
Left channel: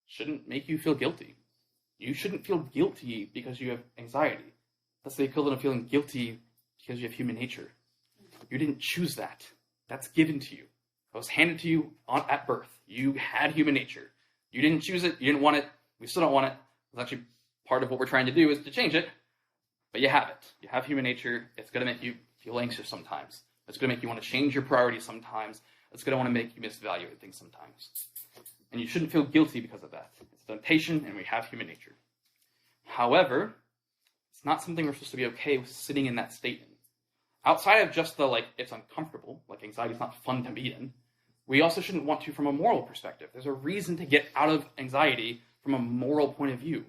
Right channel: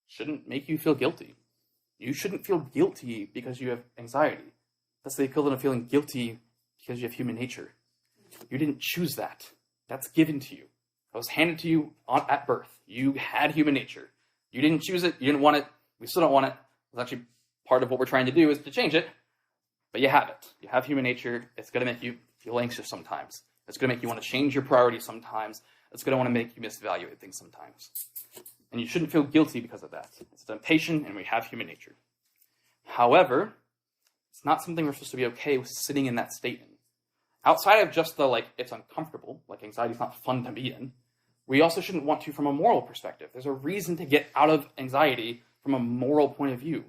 shouldn't make you feel guilty. You shouldn't feel guilty because you have anxiety. That's the equivalent of feeling guilty because you have human nature. You didn't choose that. That's given to you. That was handed to you at birth. You had human nature. You didn't choose it. You didn't want it. We still don't want it. It's actually part of what we're trying to do is to change it. But you have it. You have human nature. It's going to make you feel anxious sometimes. It's going to make you want to change your priorities sometimes. It's going to want to make you misevaluate things sometimes. And you shouldn't feel guilty because of that. It's a temptation, and we have human nature. However, it's not something we're supposed to be okay with sitting in that state in. Outside of just the, it's uncomfortable, anxiety is not fun to be in, we also shouldn't want to from a moral perspective. There's a reason to get out of anxiety from a moral point of view.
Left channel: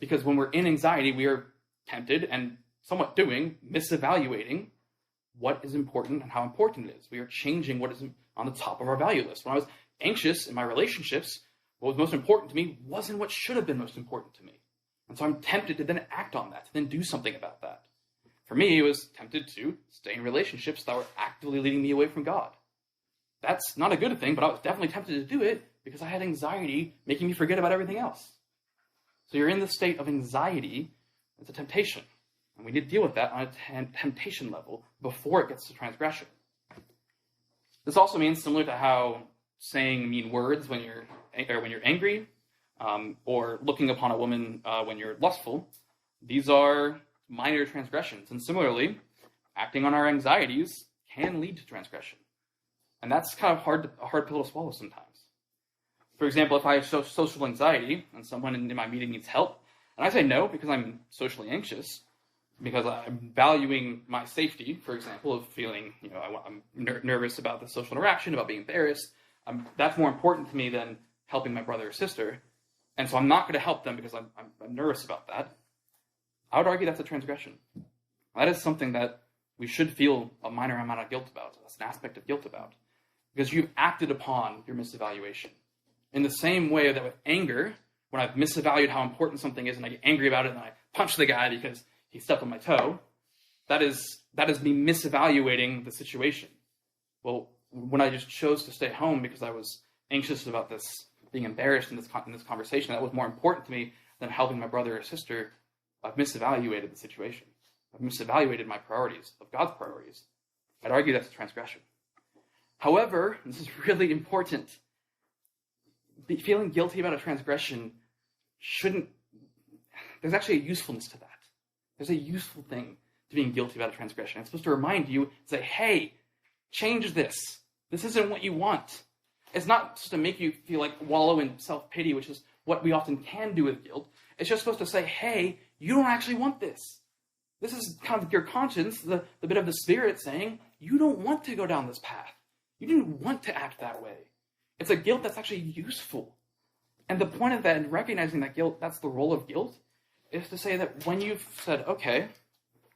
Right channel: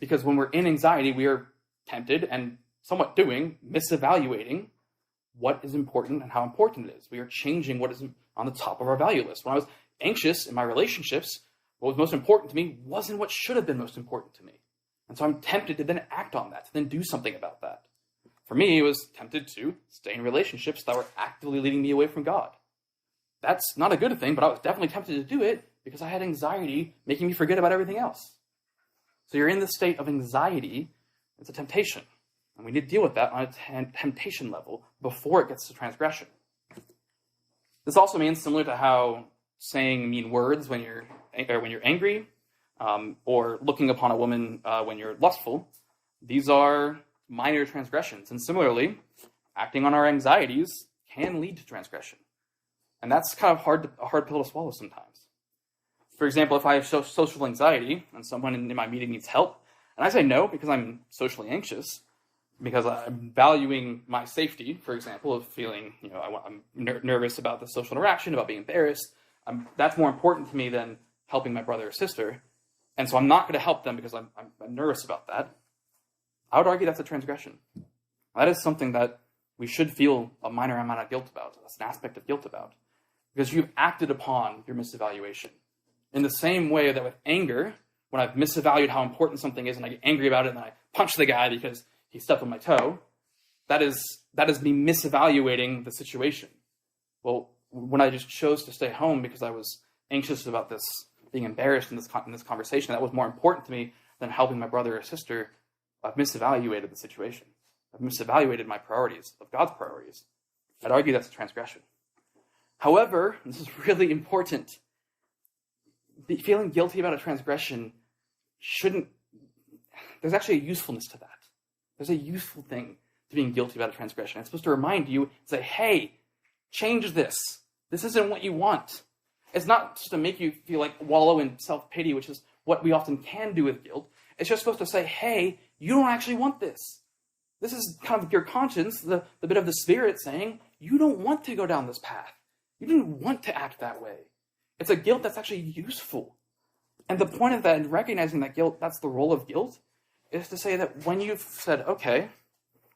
Because when we're in anxiety, we are tempted and somewhat misevaluating what is important and how important it is. We are changing what is on the top of our value list. When I was anxious in my relationships, what was most important to me wasn't what should have been most important to me. And so I'm tempted to then act on that, to then do something about that. For me, it was tempted to stay in relationships that were actively leading me away from God. That's not a good thing, but I was definitely tempted to do it because I had anxiety making me forget about everything else. So you're in this state of anxiety. It's a temptation. And we need to deal with that on a temptation level before it gets to transgression. This also means, similar to how saying mean words when you're angry, or looking upon a woman when you're lustful, these are minor transgressions. And similarly, acting on our anxieties can lead to transgression. And that's kind of a hard pill to swallow sometimes. For example, if I have social anxiety and someone in my meeting needs help, and I say no because I'm socially anxious, because I'm valuing my safety, for example, of feeling, I'm nervous about the social interaction, about being embarrassed, that's more important to me than helping my brother or sister. And so I'm not going to help them because I'm nervous about that. I would argue that's a transgression. That is something that we should feel a minor amount of guilt about. That's an aspect of guilt about. Because you've acted upon your misevaluation. In the same way that with anger, when I've misvalued how important something is and I get angry about it and I punch the guy because he stepped on my toe, that is me misevaluating the situation. Well, when I just chose to stay home because I was anxious about this, being embarrassed in this conversation, that was more important to me than helping my brother or sister, I've misevaluated the situation. I've misevaluated my priorities of God's priorities. I'd argue that's a transgression. However, this is really important, feeling guilty about a transgression there's actually a usefulness to that. There's a useful thing to being guilty about a transgression. It's supposed to remind you, say, hey, change this. This isn't what you want. It's not just to make you feel like wallow in self-pity, which is what we often can do with guilt. It's just supposed to say, hey, you don't actually want this. This is kind of your conscience, the bit of the Spirit saying, you don't want to go down this path. You don't want to act that way. It's a guilt that's actually useful. And the point of that, and recognizing that guilt, that's the role of guilt, is to say that when you've said, okay,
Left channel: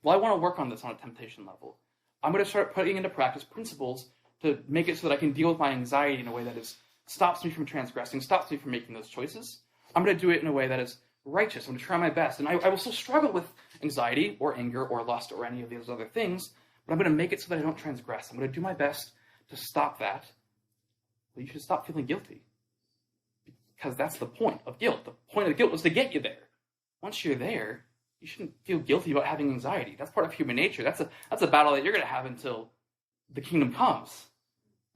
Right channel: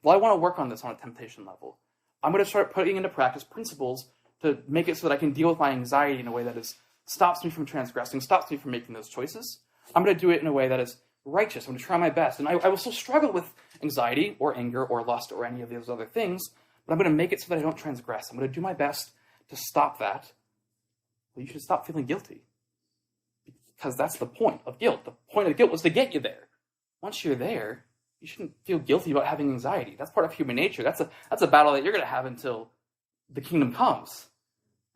well, I want to work on this on a temptation level. I'm going to start putting into practice principles to make it so that I can deal with my anxiety in a way that stops me from transgressing, stops me from making those choices. I'm going to do it in a way that is righteous. I'm going to try my best. And I will still struggle with anxiety or anger or lust or any of those other things, but I'm going to make it so that I don't transgress. I'm going to do my best to stop that. Well, you should stop feeling guilty, because that's the point of guilt. The point of the guilt was to get you there. Once you're there, you shouldn't feel guilty about having anxiety. That's part of human nature. That's a battle that you're going to have until the kingdom comes.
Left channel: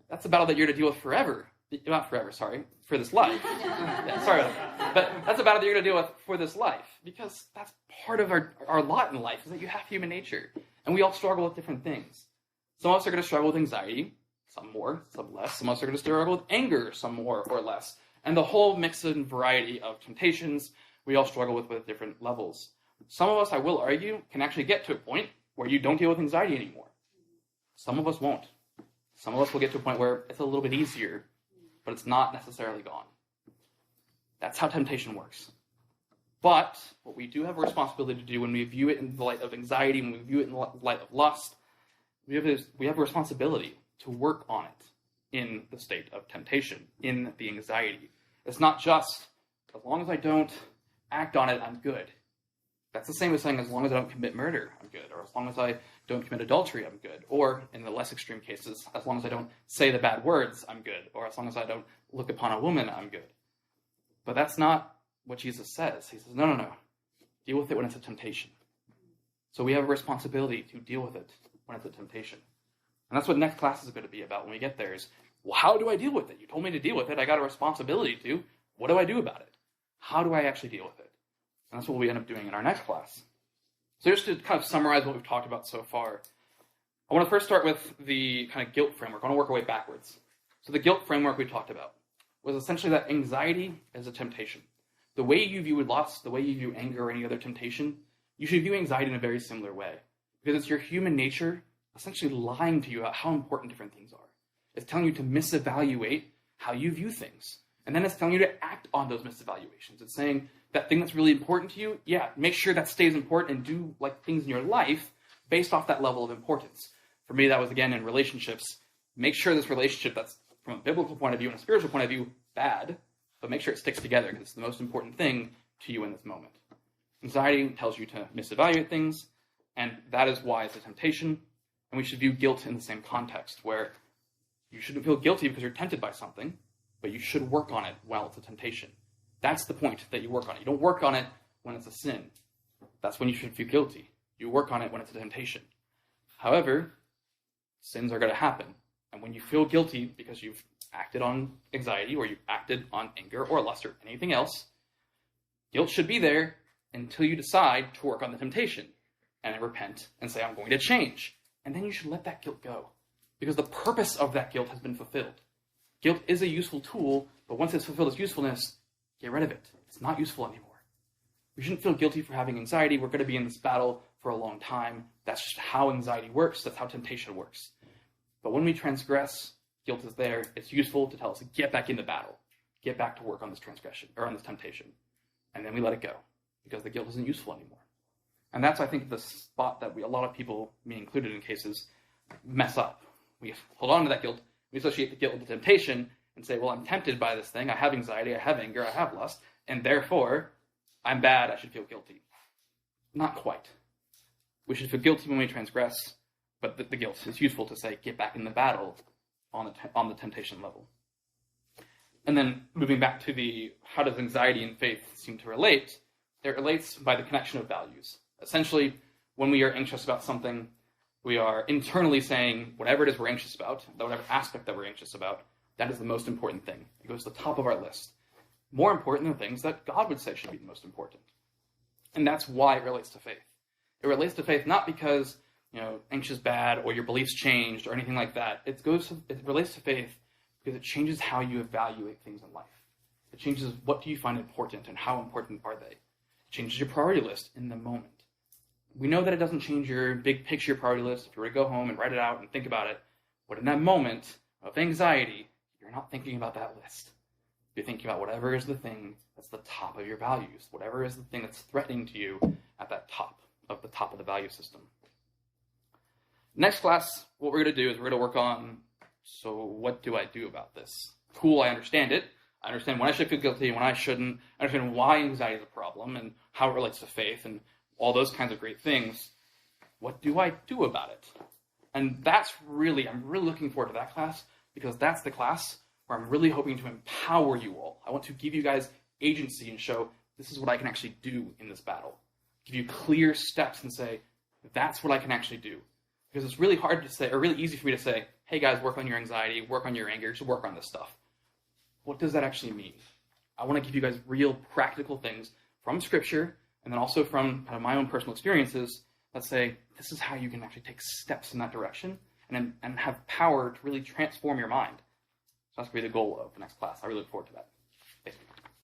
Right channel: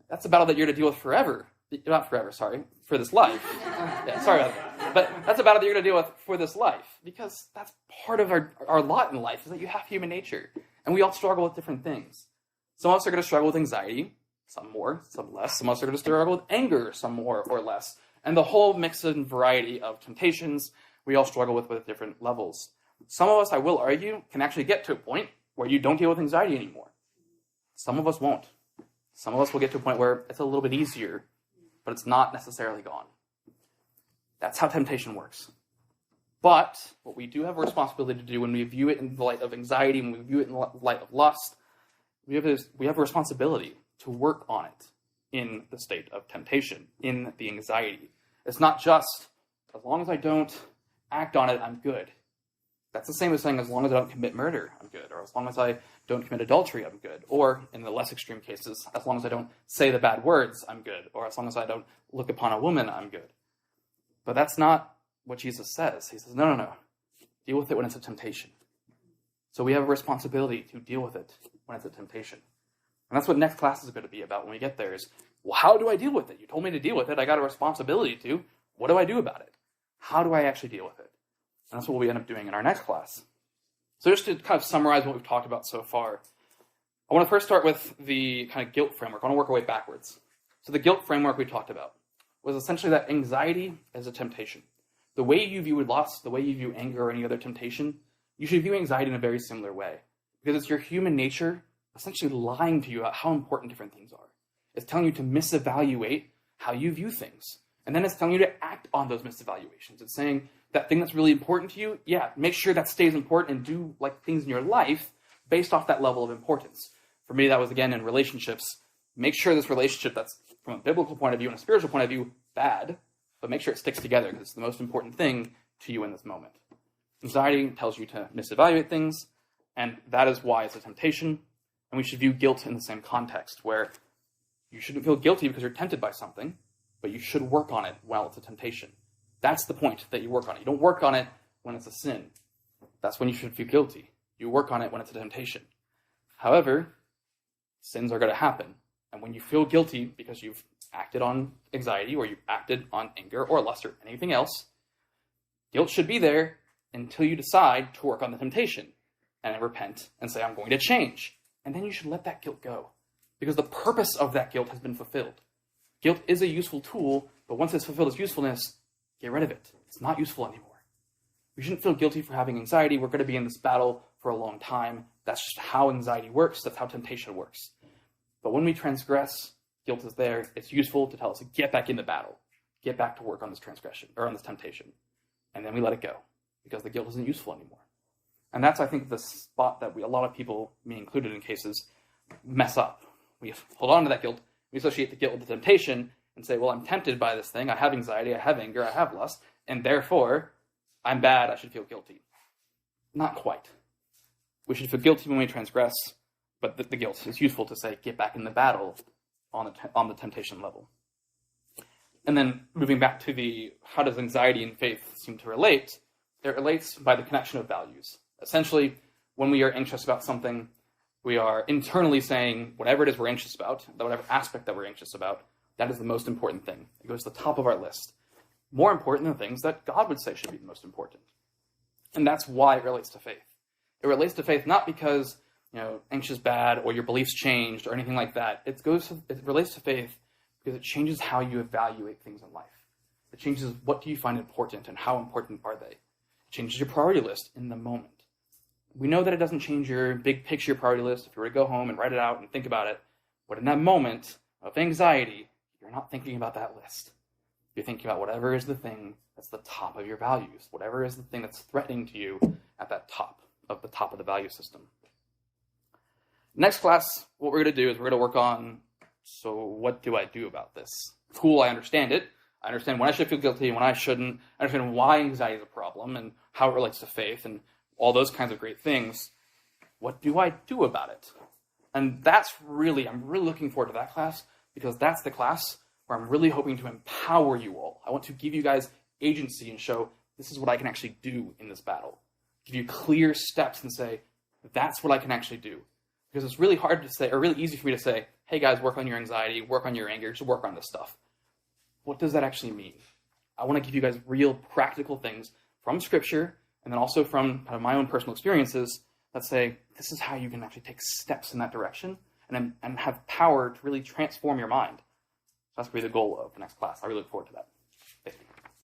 That's a battle that you're to deal with forever. Not forever, sorry, for this life. Yeah, sorry about that. But that's a battle that you're going to deal with for this life, because that's part of our lot in life, is that you have human nature. And we all struggle with different things. Some of us are going to struggle with anxiety, some more, some less. Some of us are going to struggle with anger, some more or less. And the whole mix and variety of temptations we all struggle with different levels. Some of us, I will argue, can actually get to a point where you don't deal with anxiety anymore. Some of us won't. Some of us will get to a point where it's a little bit easier, but it's not necessarily gone. That's how temptation works. But what we do have a responsibility to do when we view it in the light of anxiety, when we view it in the light of lust, we have a responsibility to work on it in the state of temptation, in the anxiety. It's not just, as long as I don't act on it, I'm good. That's the same as saying, as long as I don't commit murder, I'm good. Or as long as I don't commit adultery, I'm good. Or, in the less extreme cases, as long as I don't say the bad words, I'm good. Or as long as I don't look upon a woman, I'm good. But that's not what Jesus says. He says, no. Deal with it when it's a temptation. So we have a responsibility to deal with it when it's a temptation. And that's what next class is going to be about when we get there is, well, how do I deal with it? You told me to deal with it. I got a responsibility to. What do I do about it? How do I actually deal with it? And that's what we end up doing in our next class. So just to kind of summarize what we've talked about so far, I want to first start with the kind of guilt framework. I want to work our way backwards. So the guilt framework we talked about was essentially that anxiety is a temptation. The way you view lust, the way you view anger or any other temptation, you should view anxiety in a very similar way. Because it's your human nature essentially lying to you about how important different things are. It's telling you to misevaluate how you view things. And then it's telling you to act on those misevaluations. It's saying that thing that's really important to you, yeah, make sure that stays important and do like things in your life based off that level of importance. For me, that was, again, in relationships. Make sure this relationship that's from a biblical point of view and a spiritual point of view, bad, but make sure it sticks together because it's the most important thing to you in this moment. Anxiety tells you to misevaluate things, and that is why it's a temptation. And we should view guilt in the same context, where you shouldn't feel guilty because you're tempted by something, but you should work on it while it's a temptation. That's the point, that you work on it. You don't work on it when it's a sin. That's when you should feel guilty. You work on it when it's a temptation. However, sins are going to happen. And when you feel guilty because you've acted on anxiety or you've acted on anger or lust or anything else, guilt should be there until you decide to work on the temptation and repent and say, I'm going to change. And then you should let that guilt go, because the purpose of that guilt has been fulfilled. Guilt is a useful tool, but once it's fulfilled its usefulness, get rid of it. It's not useful anymore. You shouldn't feel guilty for having anxiety. We're going to be in this battle for a long time. That's just how anxiety works. That's how temptation works. But when we transgress, guilt is there. It's useful to tell us to get back in the battle. Get back to work on this transgression, or on this temptation. And then we let it go, because the guilt isn't useful anymore. And that's, I think, the spot that a lot of people, me included in cases, mess up. We hold on to that guilt. We associate the guilt with the temptation and say, well, I'm tempted by this thing. I have anxiety. I have anger. I have lust. And therefore, I'm bad. I should feel guilty. Not quite. We should feel guilty when we transgress, but the guilt is useful to say, get back in the battle on the temptation level. And then moving back to how does anxiety and faith seem to relate? It relates by the connection of values. Essentially, when we are anxious about something, we are internally saying whatever it is we're anxious about, whatever aspect that we're anxious about, that is the most important thing. It goes to the top of our list. More important than things that God would say should be the most important. And that's why it relates to faith. It relates to faith not because, anxious bad or your beliefs changed or anything like that. It relates to faith because it changes how you evaluate things in life. It changes what do you find important and how important are they. It changes your priority list in the moment. We know that it doesn't change your big picture priority list if you were to go home and write it out and think about it. But in that moment of anxiety, you're not thinking about that list. You're thinking about whatever is the thing that's the top of your values, whatever is the thing that's threatening to you at that top of the value system. Next class, what we're going to do is we're going to work on, so what do I do about this? Cool, I understand it. I understand when I should feel guilty and when I shouldn't. I understand why anxiety is a problem and how it relates to faith and all those kinds of great things. What do I do about it? And I'm really looking forward to that class because that's the class where I'm really hoping to empower you all. I want to give you guys agency and show this is what I can actually do in this battle. Give you clear steps and say, that's what I can actually do. Because it's really hard to say, or really easy for me to say, hey guys, work on your anxiety, work on your anger, just work on this stuff. What does that actually mean? I want to give you guys real practical things from Scripture and then also from kind of my own personal experiences that say, this is how you can actually take steps in that direction and have power to really transform your mind. So that's going to be the goal of the next class. I really look forward to that.